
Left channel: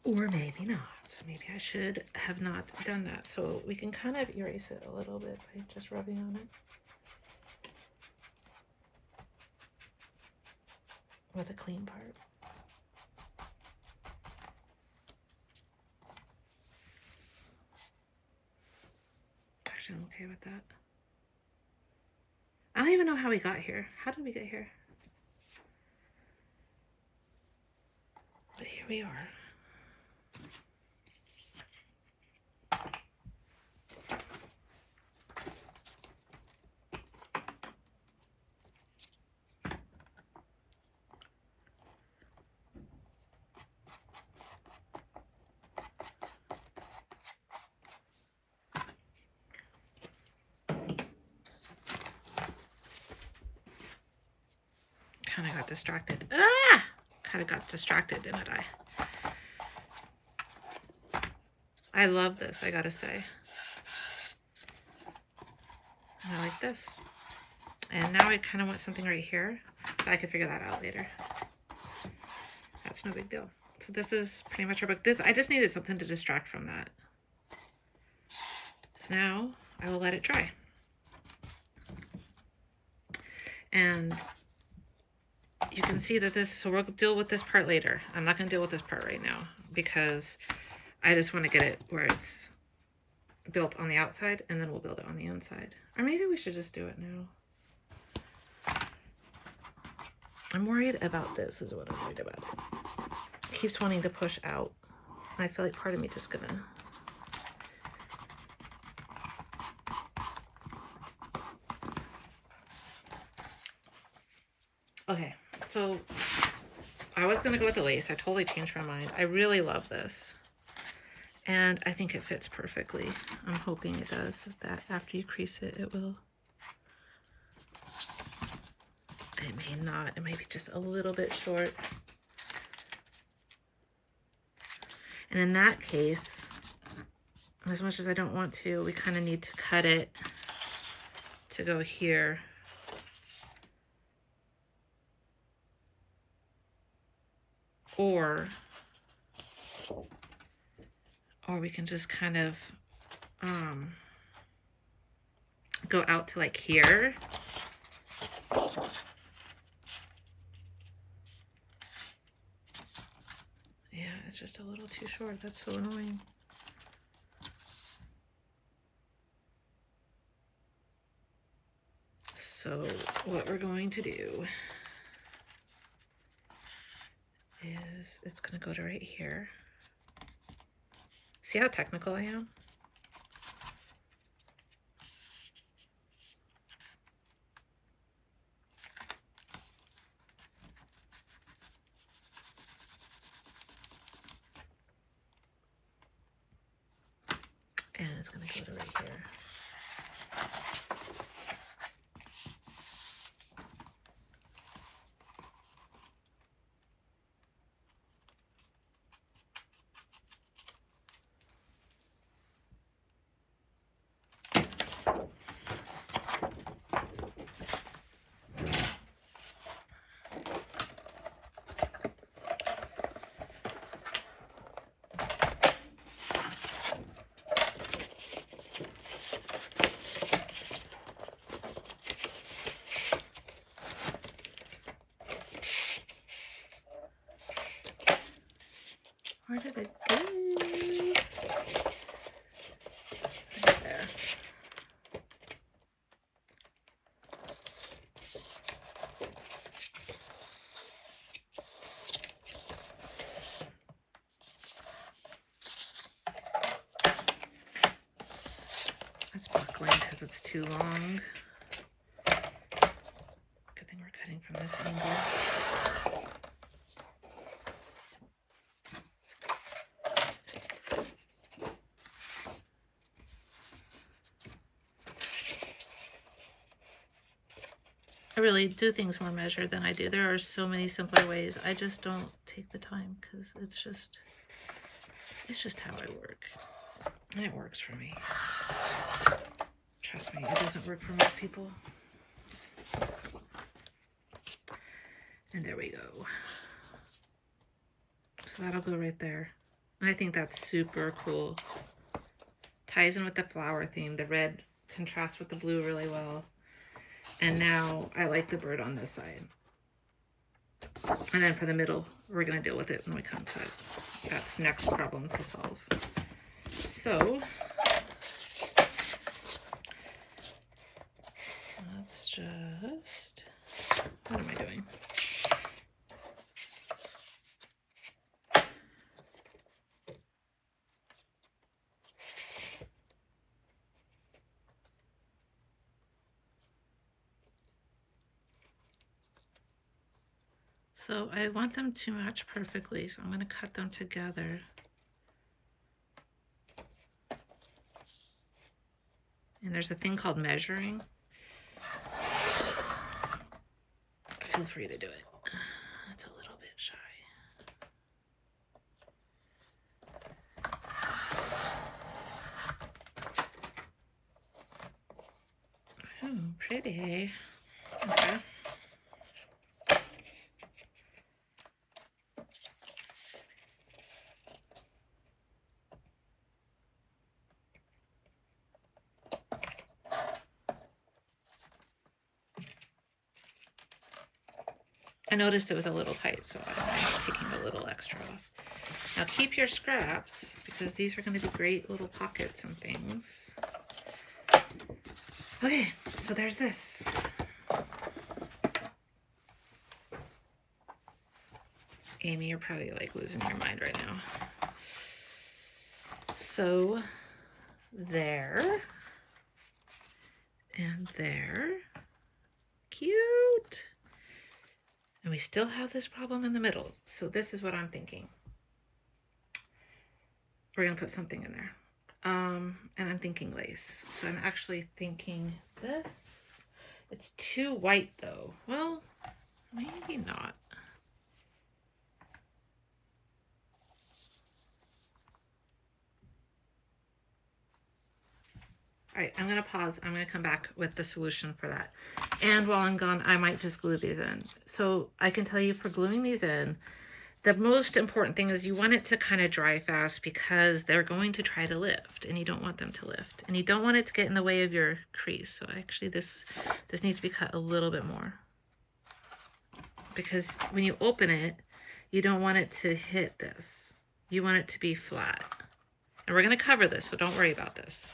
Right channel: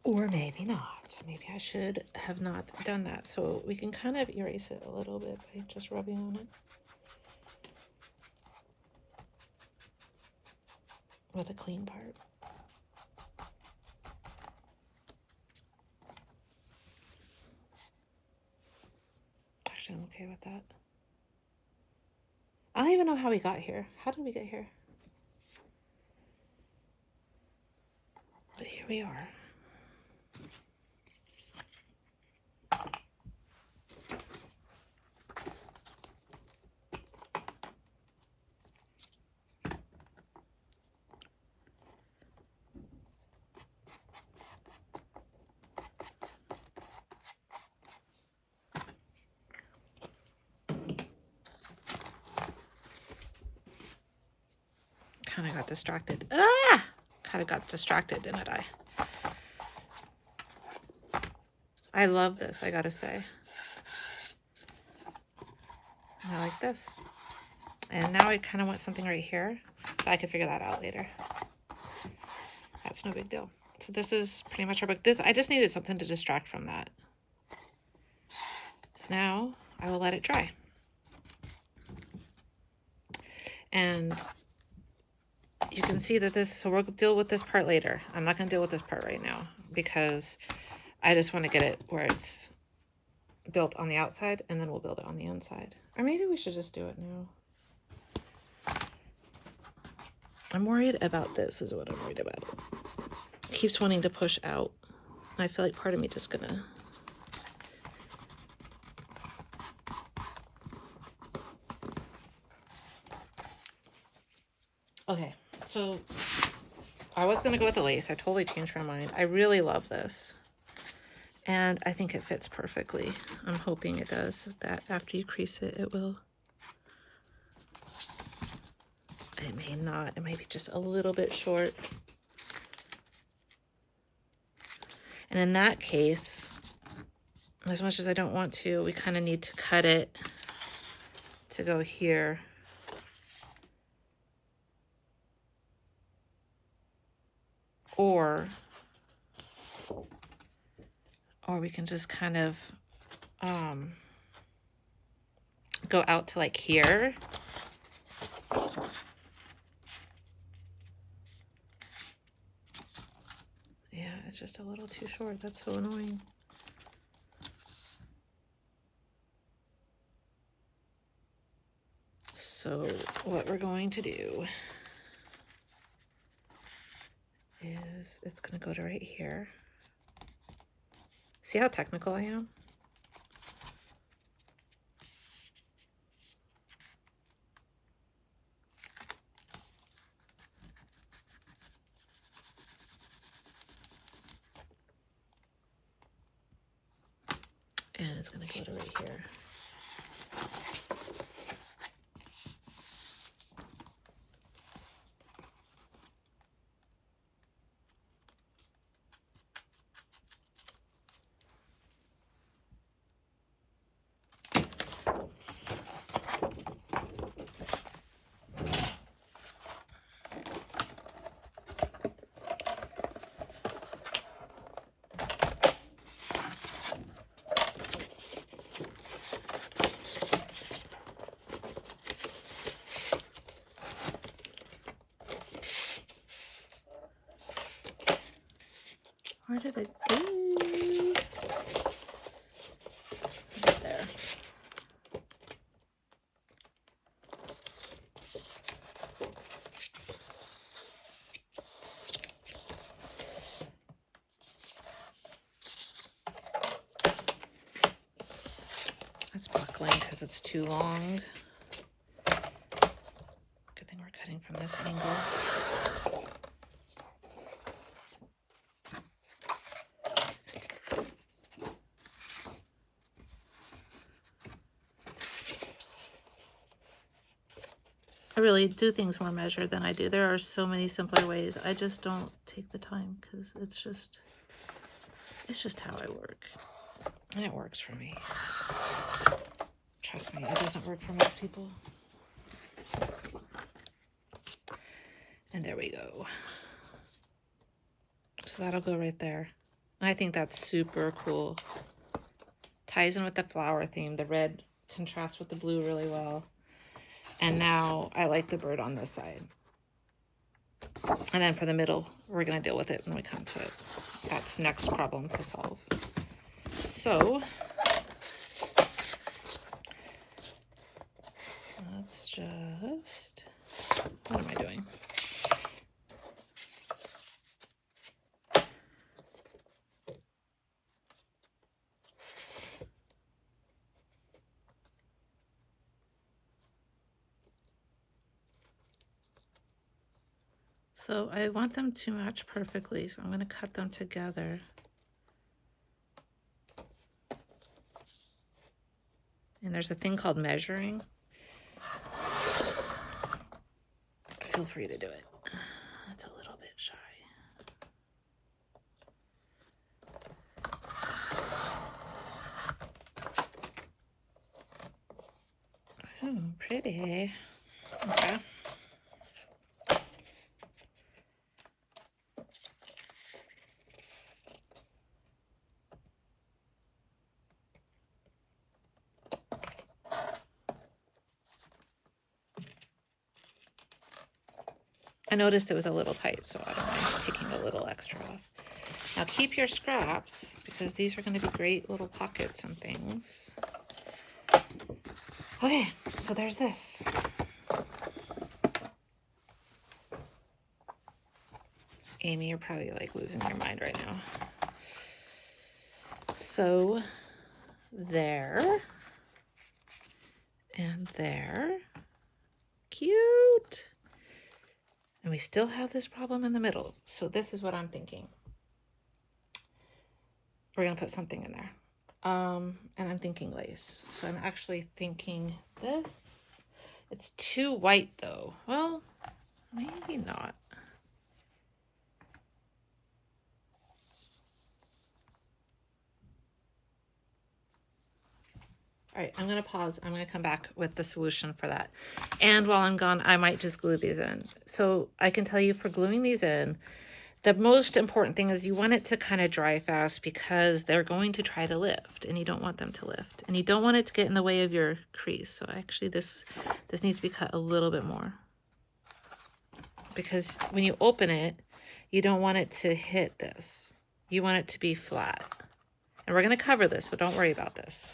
or maybe not. Maybe I should have not done that. So we can kind of erase it a little bit by just rubbing on it with a clean part. Actually, I'm okay with that. I don't even know how we got here. How did we get here? But here we are. Kind of got distracted. Ah! Kind of got distracted, didn't I? I love this, I gotta say. I like this. And now I kind of want something right here. But I can figure that out later. That's no big deal. So this is pretty much our book. I just needed something to distract from that. So now I will let it dry. And you can see that so we'll deal with this part later. I'm not gonna deal with this part right now because I just want to get it where it's built on the outside, and then we'll build it on the inside. Or maybe we should just do it now. I'm worried about this is what I'm worried about. It keeps wanting to push out. I feel like part of me just gonna... Okay, so I was gonna go with the lace. I totally changed my mind. I really love this. And I think it fits perfectly. I'm hoping it does, that after you crease it, it will. And maybe not. It might be just a little bit short. And in that case, as much as I don't want to, we kind of need to cut it to go here. Or we can just kind of go out to like here. Yeah, it's just a little too short. That's so annoying. So what we're going to do is it's going to go to right here. See how technical I am? And it's going to go to right here. Where did it go? Right there. That's buckling because it's too long. Good thing we're cutting from this angle. I really do things more measured than I do. There are so many simpler ways. I just don't take the time because it's just how I work. And it works for me. Trust me, it doesn't work for most people. And there we go. So that'll go right there. I think that's super cool. Ties in with the flower theme. The red contrasts with the blue really well. And now I like the bird on this side. And then for the middle, we're going to deal with it when we come to it. That's next problem to solve. So let's just, what am I doing? So I want them to match perfectly, so I'm going to cut them together. And there's a thing called measuring. Feel free to do it. That's a little bit shy. Oh, pretty. Okay. I noticed it was a little tight, so I don't mind taking a little extra off. Now keep your scraps, because these are going to be great little pockets and things. Okay, so there's this. Amy, you're probably like losing your mind right now. So there and there. Cute. And we still have this problem in the middle. So this is what I'm thinking. We're going to put something in there. And I'm thinking lace. So I'm actually thinking this. It's too white though. Well, maybe not. All right, I'm going to pause. I'm going to come back with the solution for that. And while I'm gone, I might just glue these in. So I can tell you for gluing these in, the most important thing is you want it to kind of dry fast because they're going to try to lift and you don't want them to lift. And you don't want it to get in the way of your crease. So actually this needs to be cut a little bit more. Because when you open it, you don't want it to hit this. You want it to be flat. And we're going to cover this, so don't worry about this.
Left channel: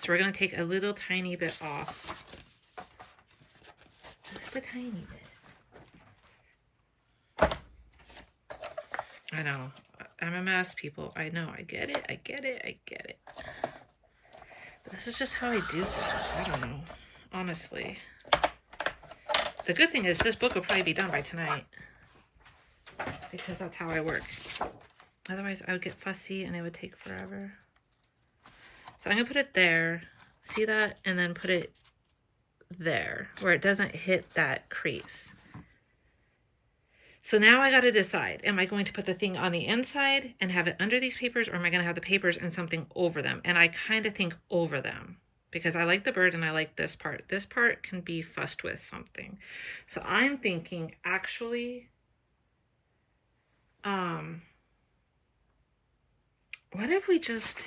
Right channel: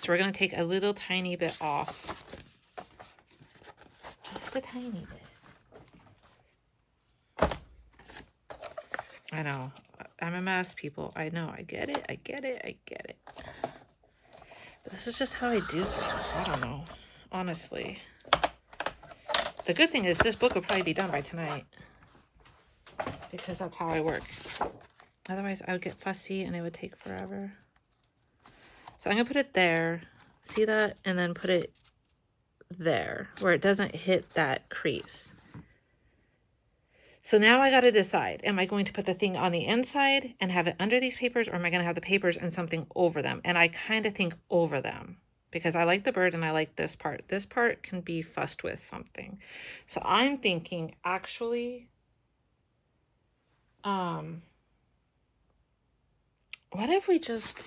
So we're going to take a little tiny bit off. Just a tiny bit. I know. I'm a mess, people. I know. I get it. I get it. I get it. But this is just how I do things. I don't know. Honestly. The good thing is this book will probably be done by tonight. Because that's how I work. Otherwise, I would get fussy and it would take forever. So I'm going to put it there, see that, and then put it there where it doesn't hit that crease. So now I got to decide, am I going to put the thing on the inside and have it under these papers, or am I going to have the papers and something over them? And I kind of think over them because I like the bird and I like this part. This part can be fussed with something. So I'm thinking actually, what if we just...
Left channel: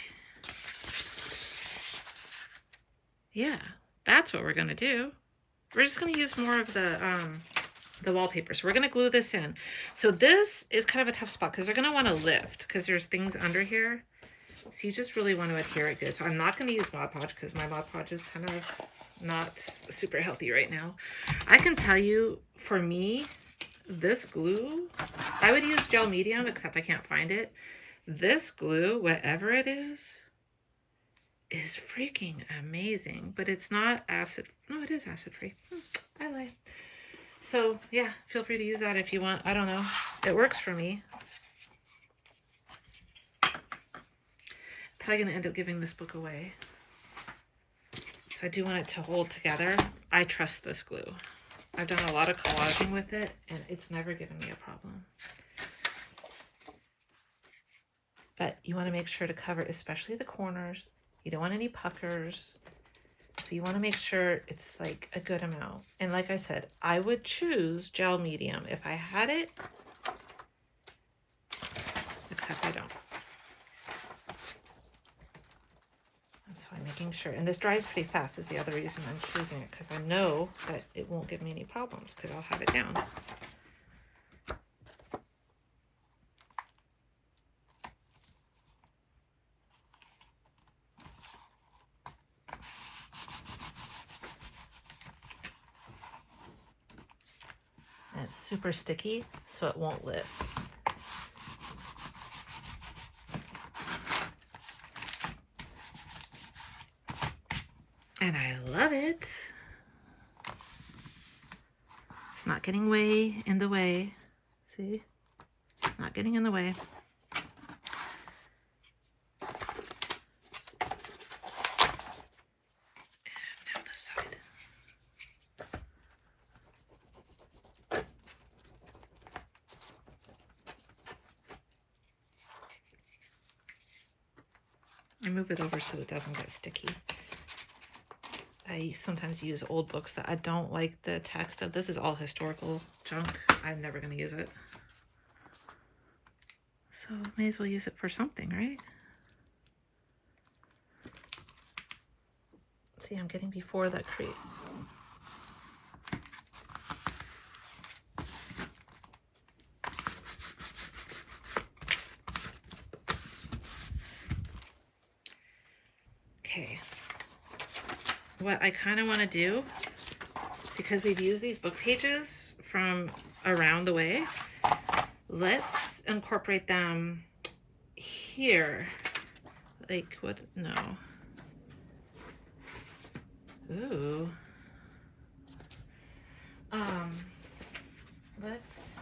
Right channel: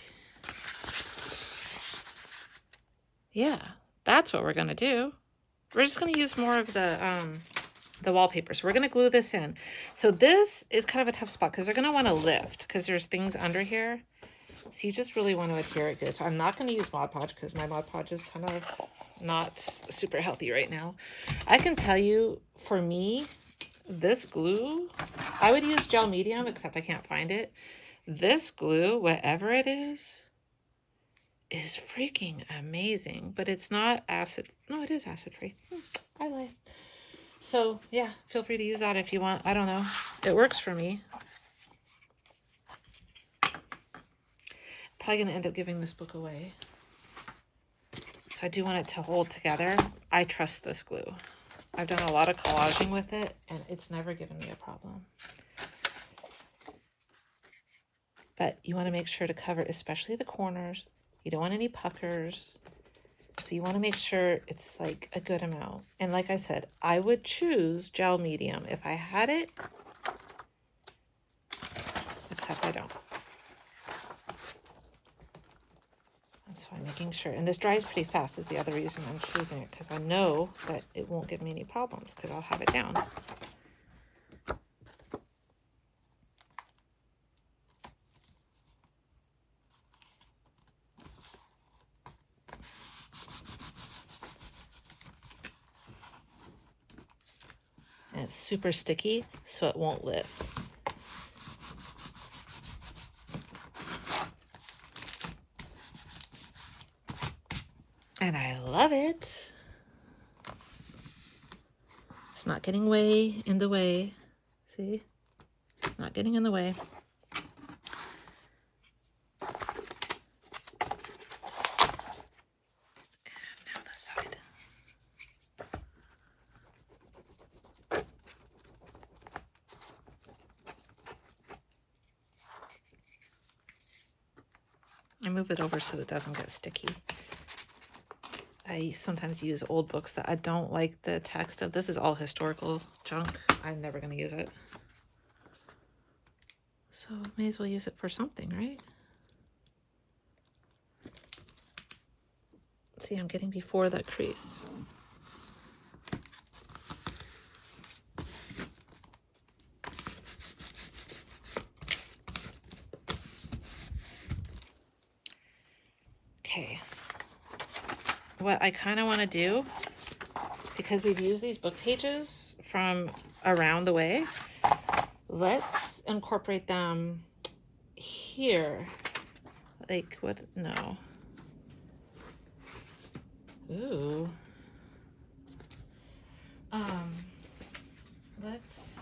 Yeah, that's what we're going to do. We're just going to use more of the wallpaper. So we're going to glue this in. So this is kind of a tough spot because they're going to want to lift because there's things under here. So you just really want to adhere it good. So I'm not going to use Mod Podge because my Mod Podge is kind of not super healthy right now. I can tell you, for me, this glue, I would use gel medium, except I can't find it. This glue, whatever it is freaking amazing, but it's not acid. No, it is acid free. I lie. So yeah, feel free to use that if you want. I don't know. It works for me. Probably going to end up giving this book away. So I do want it to hold together. I trust this glue. I've done a lot of collaging with it and it's never given me a problem. But you want to make sure to cover especially the corners. You don't want any puckers. So you want to make sure it's like a good amount. And like I said, I would choose gel medium if I had it. Except I don't. So I'm making sure, and this dries pretty fast is the other reason I'm choosing it, because I know that it won't give me any problems because I'll have it down. And it's super sticky, so it won't lift. And I love it. It's not getting way in the way. See? Not getting in the way. And now this side. I move it over so it doesn't get sticky. I sometimes use old books that I don't like the text of. This is all historical junk. I'm never going to use it. So may as well use it for something, right? See, I'm getting before that crease. Okay. What I kind of want to do, because we've used these book pages from around the way, let's incorporate them here. Like, what? No. Ooh. Let's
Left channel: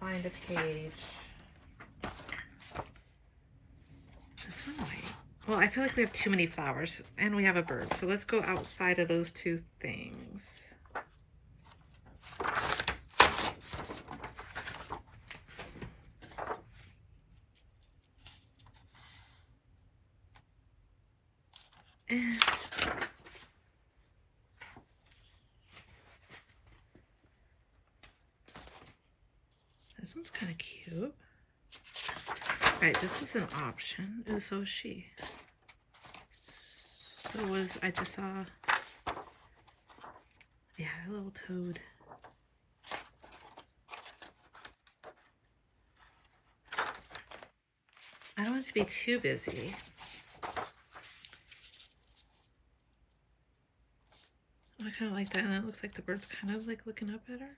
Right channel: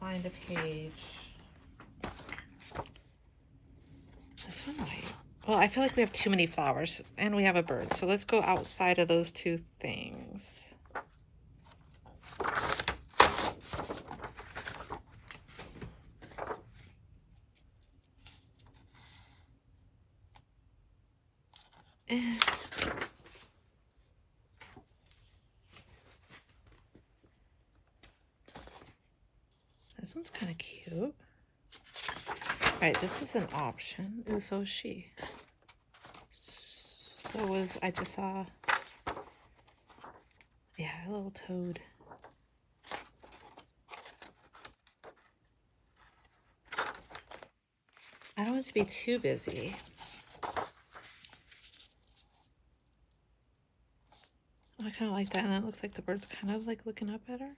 find a page. This one might. Well, I feel like we have too many flowers and we have a bird. So let's go outside of those two things. And this one's kind of cute. All right, this is an option. Ooh, so is she. So was, I just saw, yeah, a little toad. I don't want it to be too busy. I kind of like that, and that looks like the bird's kind of like looking up at her.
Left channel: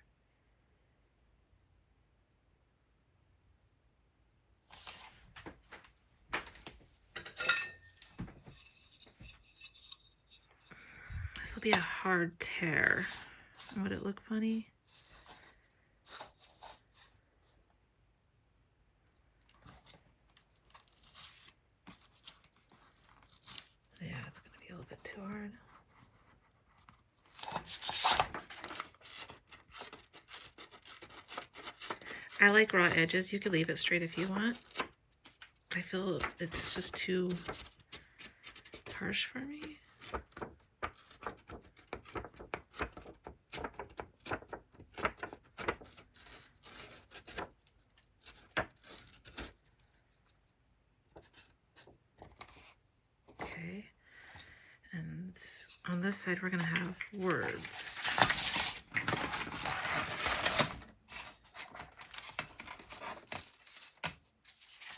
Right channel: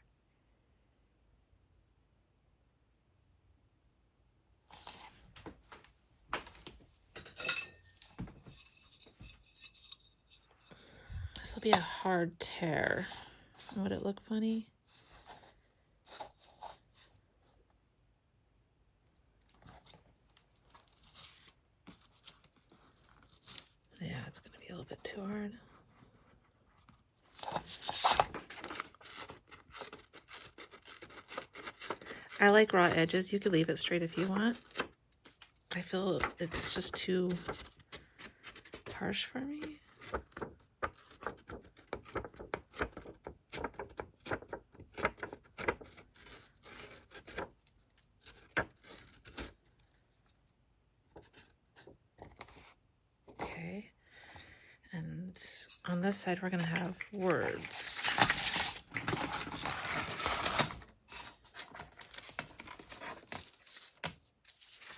This will be a hard tear. Would it look funny? Yeah, it's gonna be a little bit too hard. I like raw edges. You could leave it straight if you want. I feel it's just too harsh for me. Okay. And on this side, we're gonna have words.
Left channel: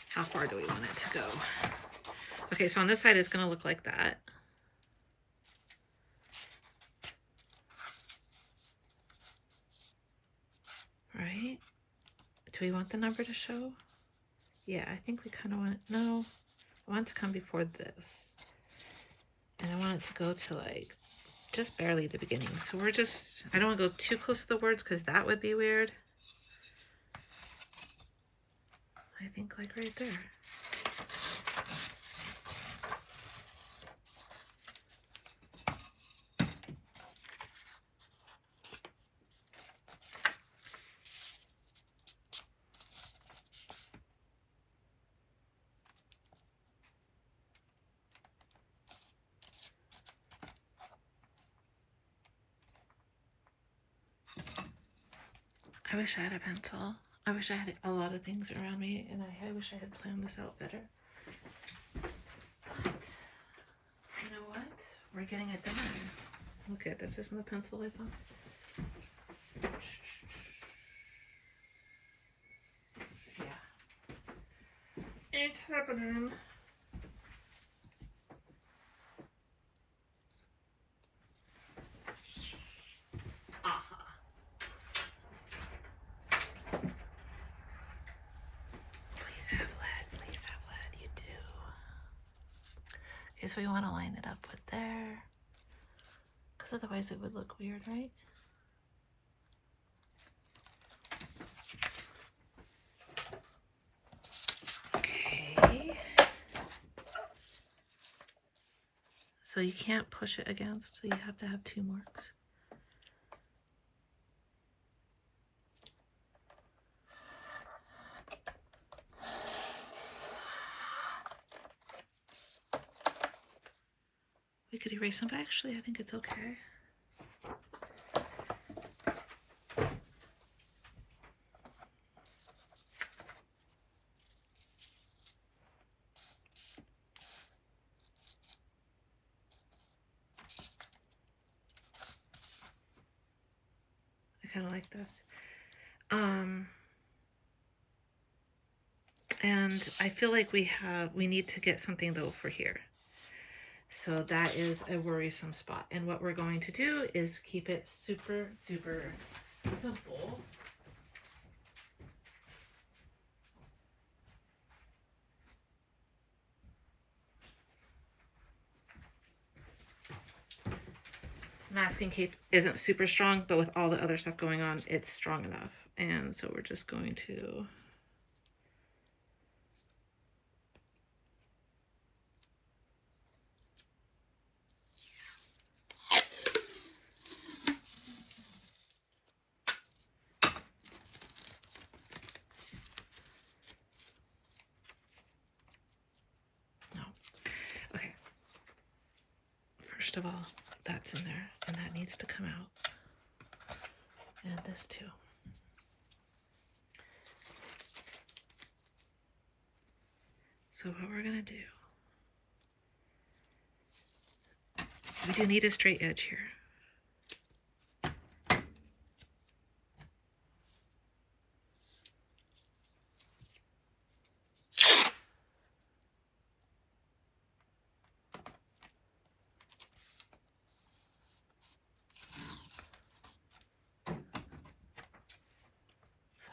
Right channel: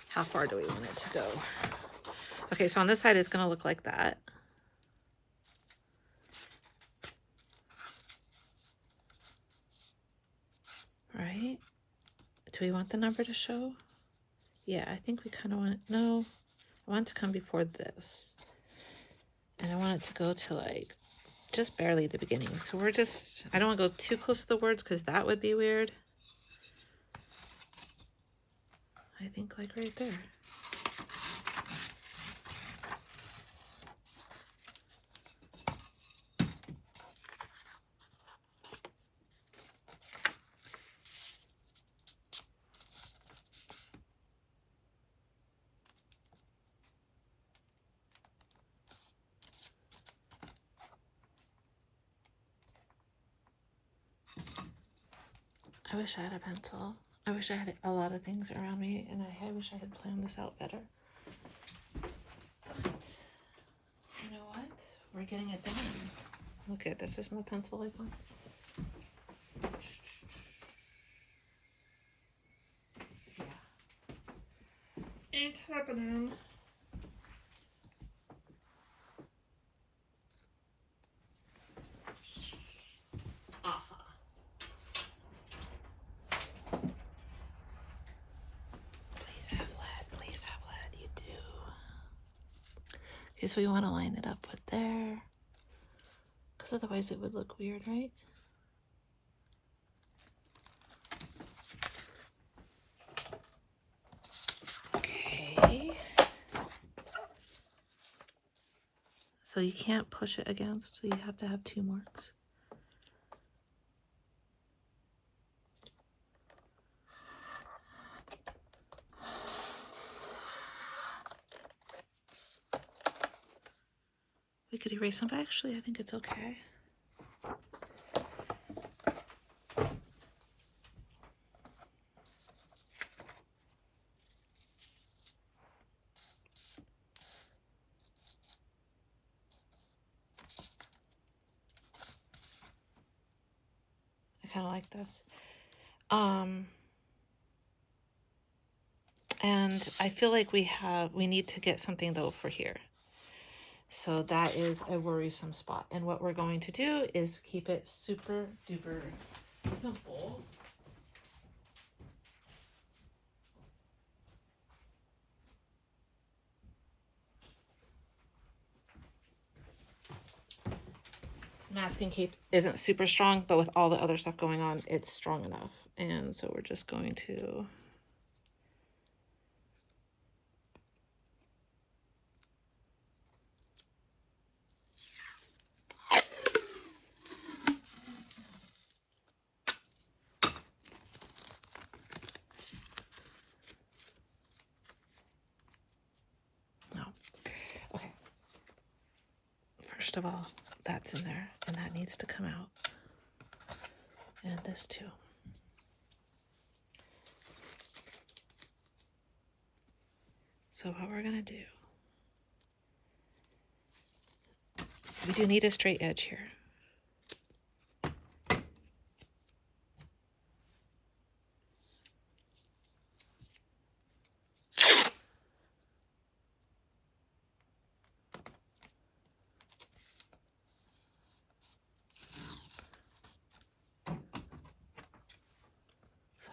How far do we want it to go? Okay, so on this side, it's going to look like that. Right? Do we want the number to show? Yeah, I think we kind of want it. No, I want it to come before this. And I want it to go to like just barely the beginning. So we're just, I don't want to go too close to the words because that would be weird. I think like right there. I wish I had a pencil. I wish I had a lot of things around me, and I wish I had planned this out better. But, you know we're getting it done. Okay, this is my pencil I found. Yeah. And tapping. Please have lead, you do. Because we want to line it up with there. Because otherwise it would look weird, right? Okay. So you can't push it against, so you have to have 2 marks. We could erase them, but actually I think it's okay. I kind of like this. And I feel like we need to get something though for here. So that is a worrisome spot. And what we're going to do is keep it super duper simple. Masking tape isn't super strong, but with all the other stuff going on, it's strong enough. And so we're just going to okay. First of all, that's in there, and that needs to come out. And this too. So what we're gonna do, we do need a straight edge here.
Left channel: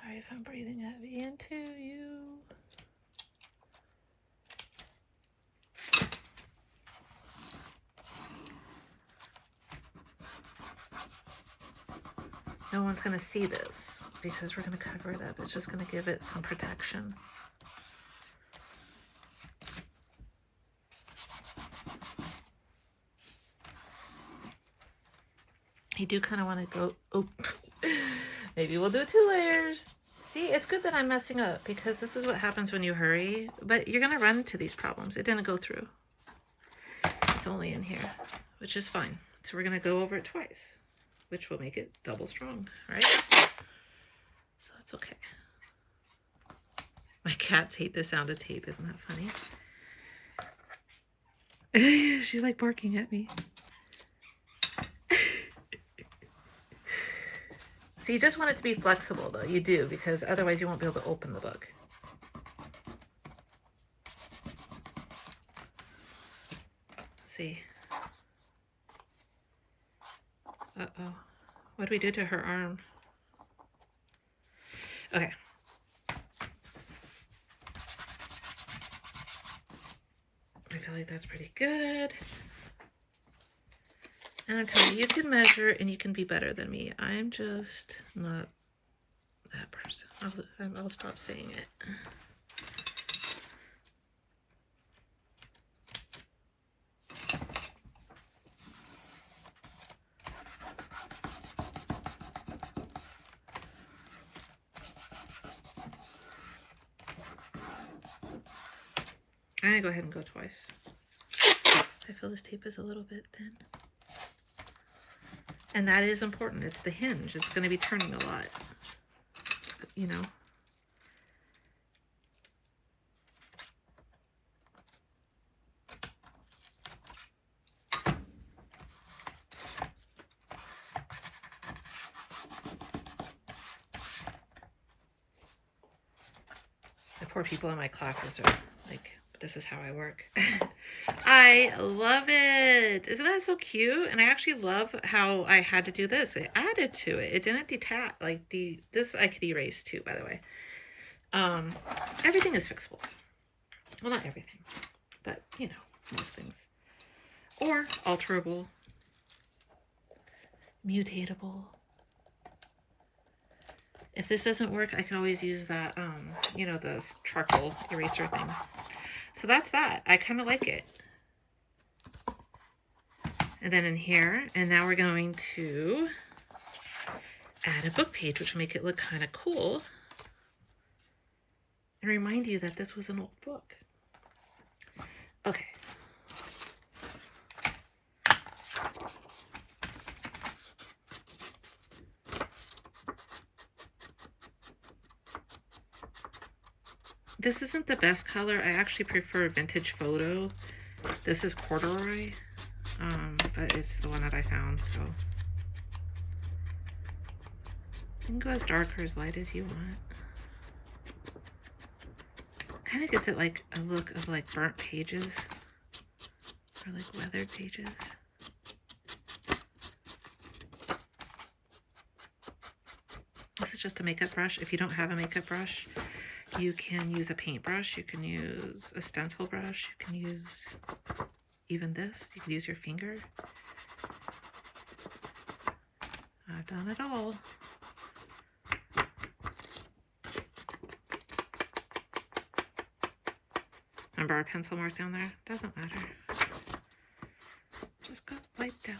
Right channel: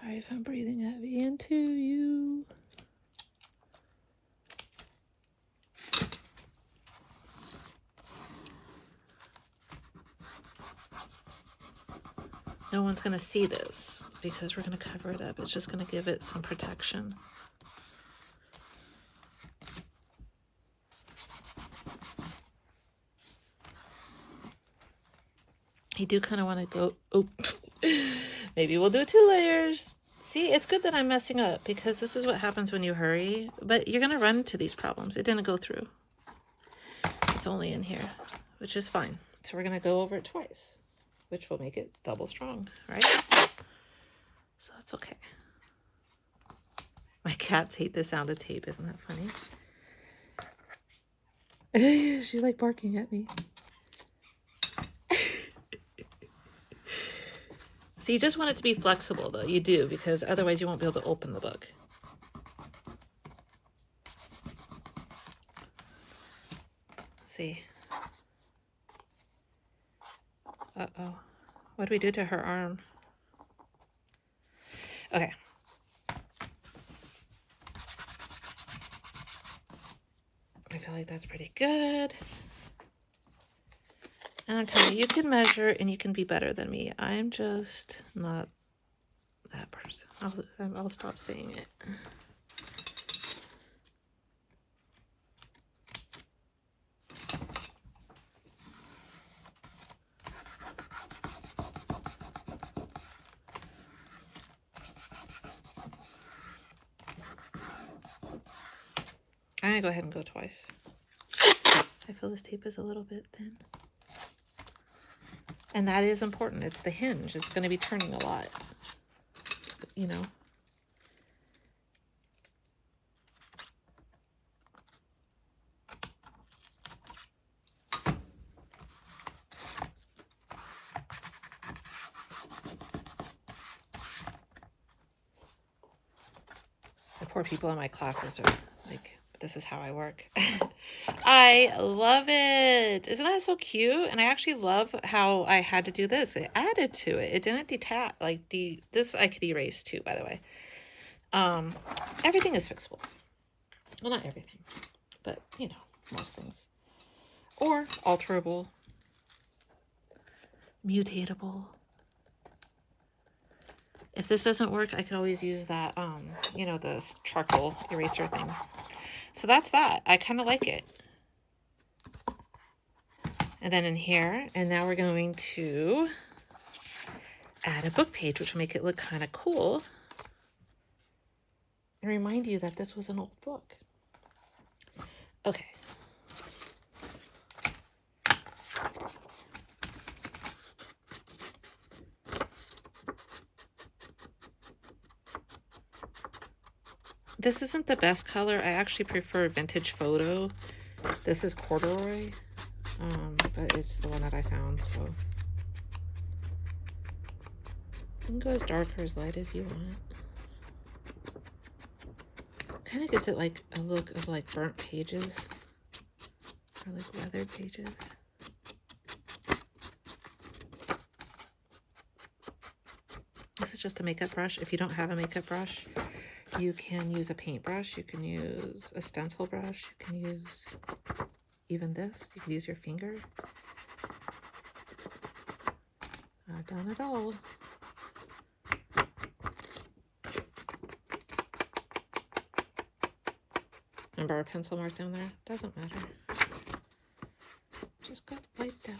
Sorry if I'm breathing heavy into you. No one's going to see this because we're going to cover it up. It's just going to give it some protection. I do kind of want to go, oh, maybe we'll do 2 layers. See, it's good that I'm messing up because this is what happens when you hurry, but you're going to run into these problems. It didn't go through. It's only in here, which is fine. So we're going to go over it twice, which will make it double strong, right? So that's okay. My cats hate the sound of tape. Isn't that funny? She's like barking at me. So you just want it to be flexible, though. You do, because otherwise you won't be able to open the book. Let's see. Uh-oh. What do we do to her arm? Okay. I feel like that's pretty good. And I'm telling you, you can measure and you can be better than me. I'm just not that person. I'll stop saying it. I'm gonna go ahead and go twice. I feel this tape is a little bit thin. And that is important. It's the hinge. It's going to be turning a lot. You know. poor people in my classes are like, this is how I work. I love it. Isn't that so cute? And I actually love how I had to do this. It added to it. It didn't detach. Like this I could erase too, by the way. Everything is fixable. Well, not everything, but you know, most things. Or alterable, mutatable. If this doesn't work, I can always use that, you know, the charcoal eraser thing. So that's that. I kind of like it. And then in here, and now we're going to add a book page, which will make it look kind of cool. And remind you that this was an old book. Okay. This isn't the best color. I actually prefer Vintage Photo. This is corduroy, but it's the one that I found, so. You can go as dark or as light as you want. Kind of gives it like a look of like burnt pages or like weathered pages. This is just a makeup brush. If you don't have a makeup brush, you can use a paintbrush. You can use a stencil brush. You can use even this. You can use your finger. I've done it all. Remember our pencil mark down there? Doesn't matter. Just got wiped out.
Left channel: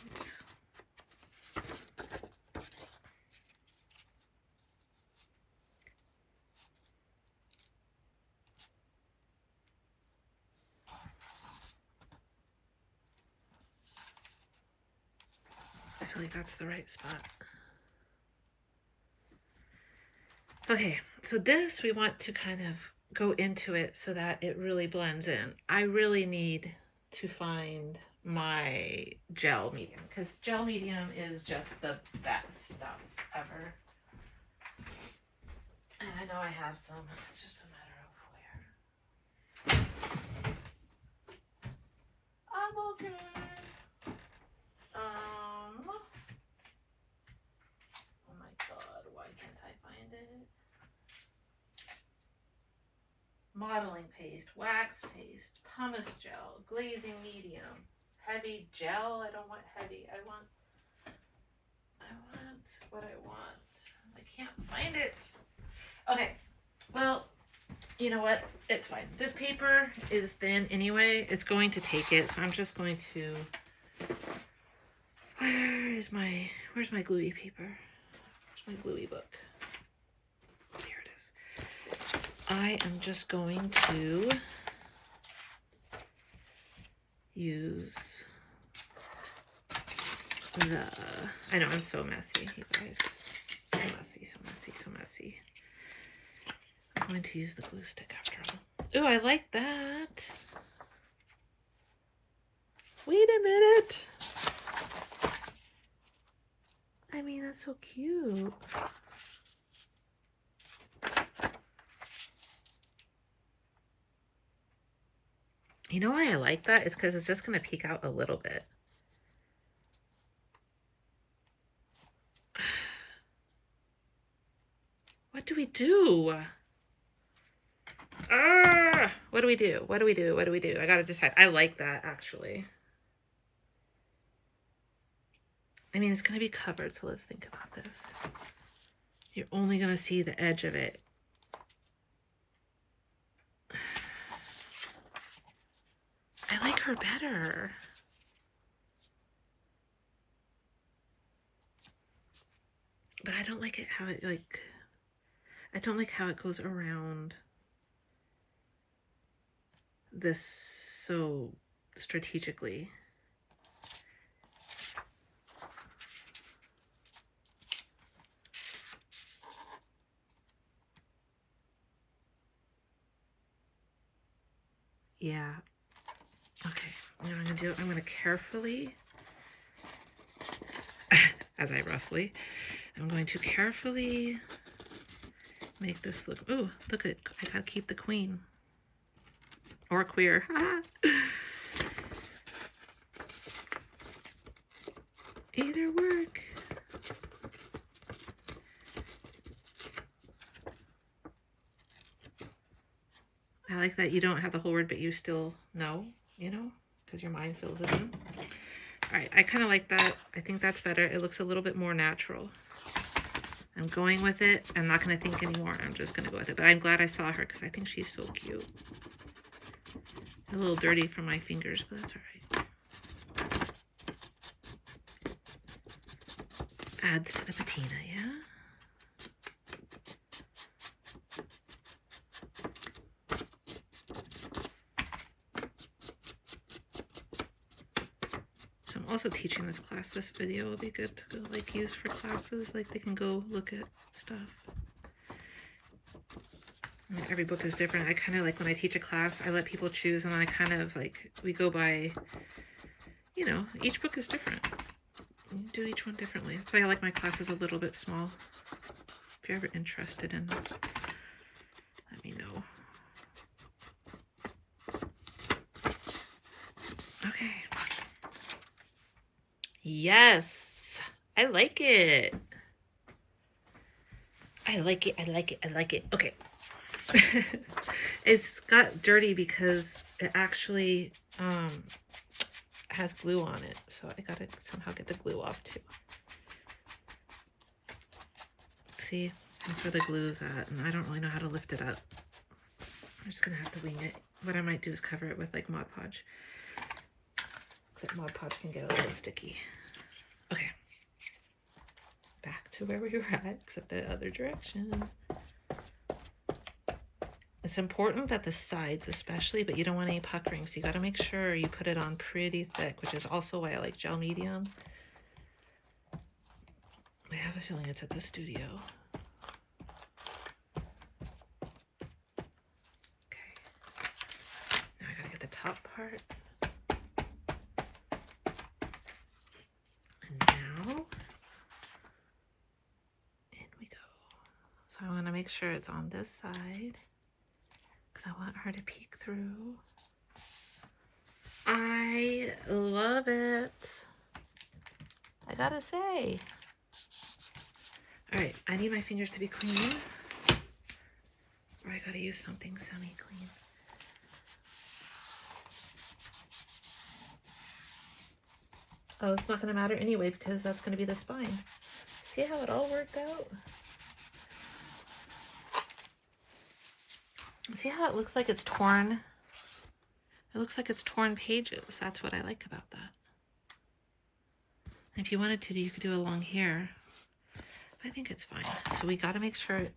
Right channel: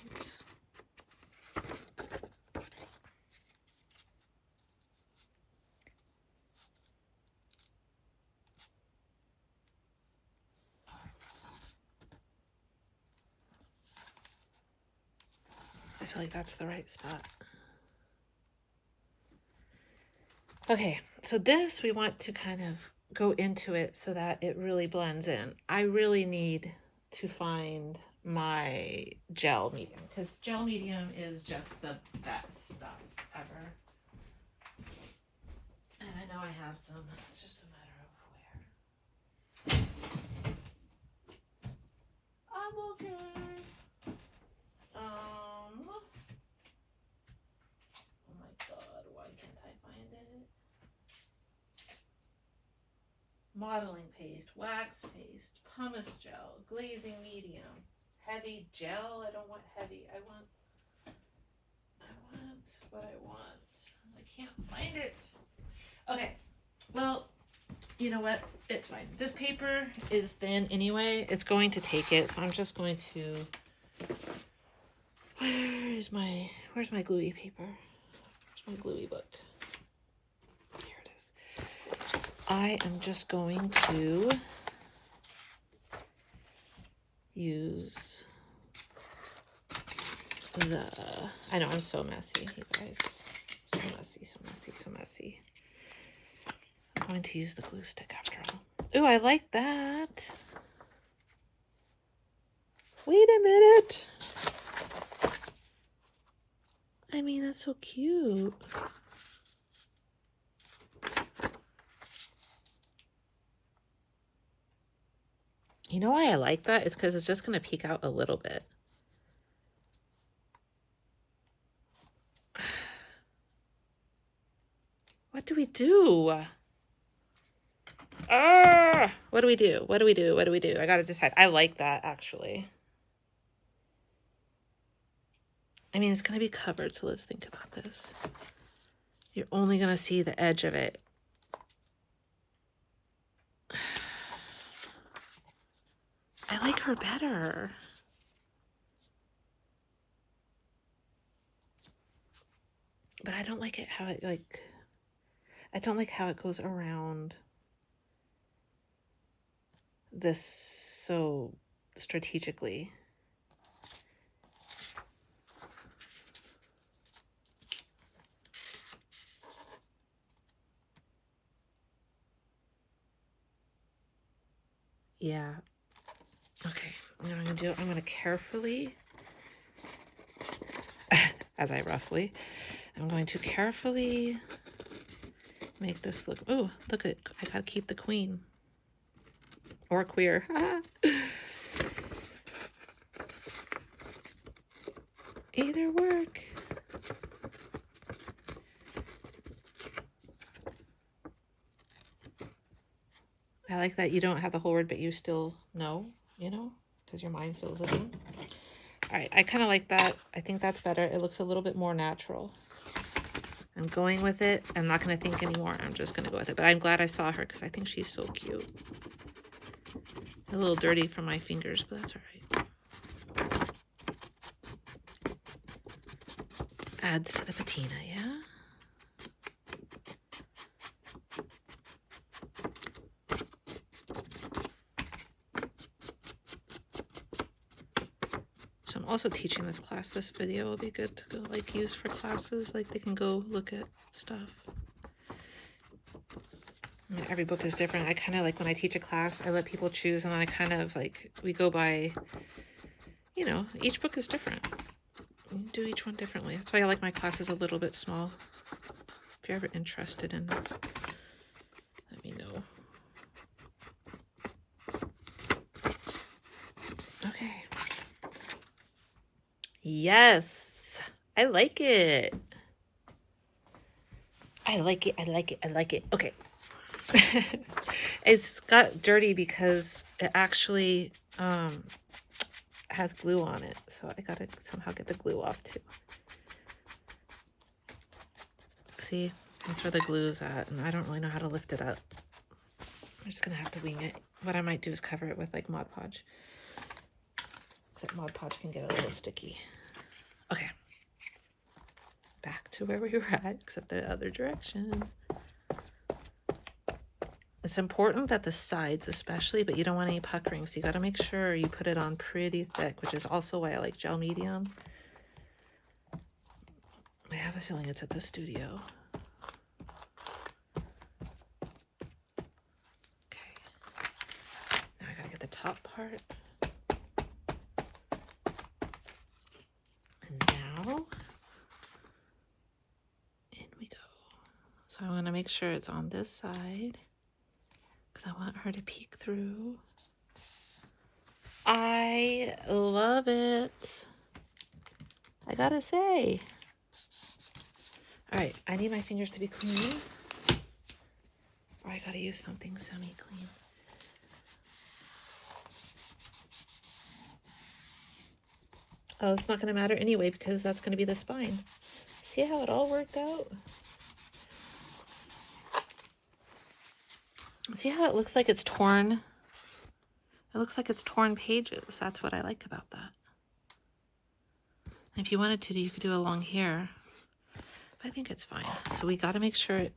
I feel like that's the right spot. Okay, so this we want to kind of go into it so that it really blends in. I really need to find my gel medium because gel medium is just the best stuff ever. And I know I have some, it's just a matter of where. I'm okay. Oh my god, why can't I find it? Modeling paste, wax paste, pumice gel, glazing medium, heavy gel. I don't want heavy. I want what I want. I can't find it. Okay, well, you know what? It's fine. This paper is thin anyway. It's going to take it, so I'm just going to. Where's my gluey paper? Where's my gluey book? Here it is. I am just going to use I know I'm so messy, you guys. So messy, so messy, so messy. I'm going to use the glue stick after all. Ooh, I like that. Wait a minute. I mean, that's so cute. You know why I like that? It's because it's just going to peek out a little bit. What do we do? What do we do? What do we do? What do we do? I gotta decide. I like that, actually. I mean, it's gonna be covered, so let's think about this. You're only gonna see the edge of it. I like her better. But I don't like it how it, like, I don't like how it goes around this so strategically. Yeah. Okay. You know what I'm gonna do? I'm gonna carefully, I'm going to carefully make this look, oh, look at, I gotta keep the queen. Or queer. Either work. I like that you don't have the whole word, but you still know, you know, because your mind fills it in. All right, I kind of like that. I think that's better. It looks a little bit more natural. I'm going with it. I'm not going to think anymore. I'm just going to go with it. But I'm glad I saw her because I think she's so cute. A little dirty from my fingers, but that's all right. Adds the patina, yeah? So I'm also teaching this class. This video will be good to go, like, use for classes. Like, they can go look at stuff. And every book is different. I kind of like when I teach a class, I let people choose, and then I kind of like, we go by, you know, each book is different. You do each one differently. That's why I like my classes a little bit small. If you're ever interested in, let me know. Okay. Yes, I like it. I like it. I like it. I like it. Okay. It's got dirty because it actually has glue on it, so I gotta somehow get the glue off too. See, that's where the glue is at, and I don't really know how to lift it up. I'm just gonna have to wing it. What I might do is cover it with like Mod Podge, except Mod Podge can get a little sticky. Okay, back to where we were at, except the other direction. It's important that the sides especially, but you don't want any puckering, so you got to make sure you put it on pretty thick, which is also why I like gel medium. I have a feeling it's at the studio. Okay. Now I got to get the top part. And now, in we go. So I'm going to make sure it's on this side, because I want her to peek through. I love it. I gotta say. All right, I need my fingers to be clean, or I gotta use something semi-clean. Oh, it's not gonna matter anyway because that's gonna be the spine. See how it all worked out? See how it looks like it's torn? It looks like it's torn pages. That's what I like about that. And if you wanted to, you could do along here. But I think it's fine. So we got to make sure it,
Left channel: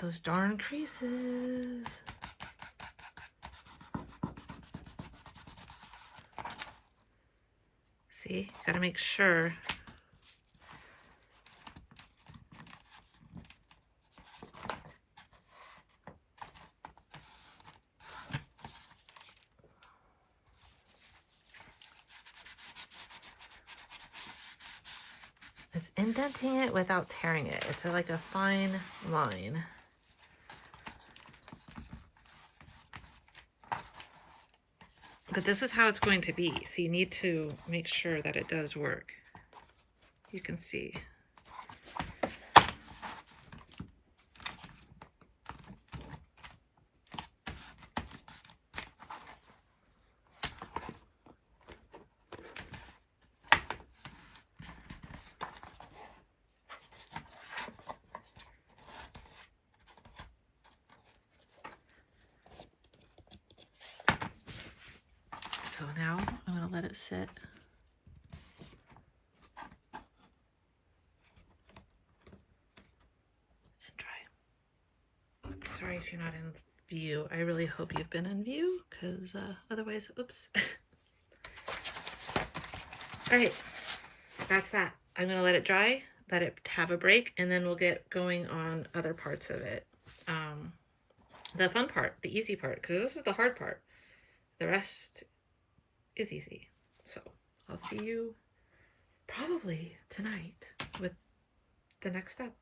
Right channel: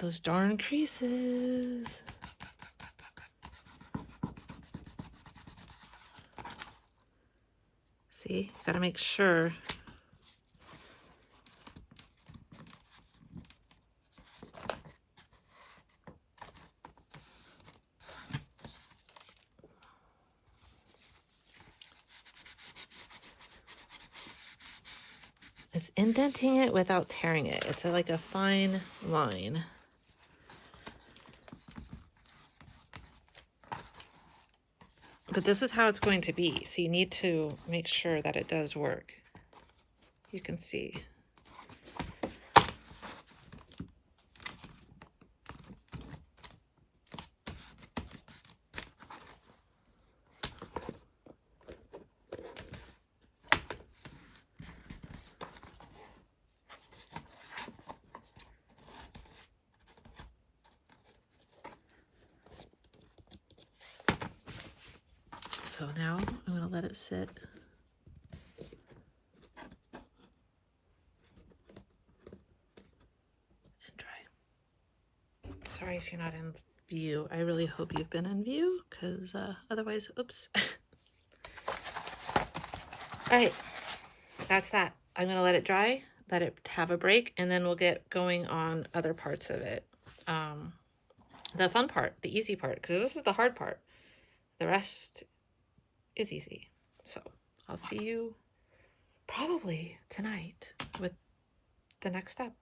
those darn creases. See, got to make sure. It's indenting it without tearing it. It's like a fine line. But this is how it's going to be. So you need to make sure that it does work. You can see. So now I'm going to let it sit. And dry. Sorry if you're not in view. I really hope you've been in view, because otherwise, oops. All right, that's that. I'm going to let it dry, let it have a break, and then we'll get going on other parts of it. The fun part, the easy part, because this is the hard part. The rest is easy. So I'll see you probably tonight with the next step.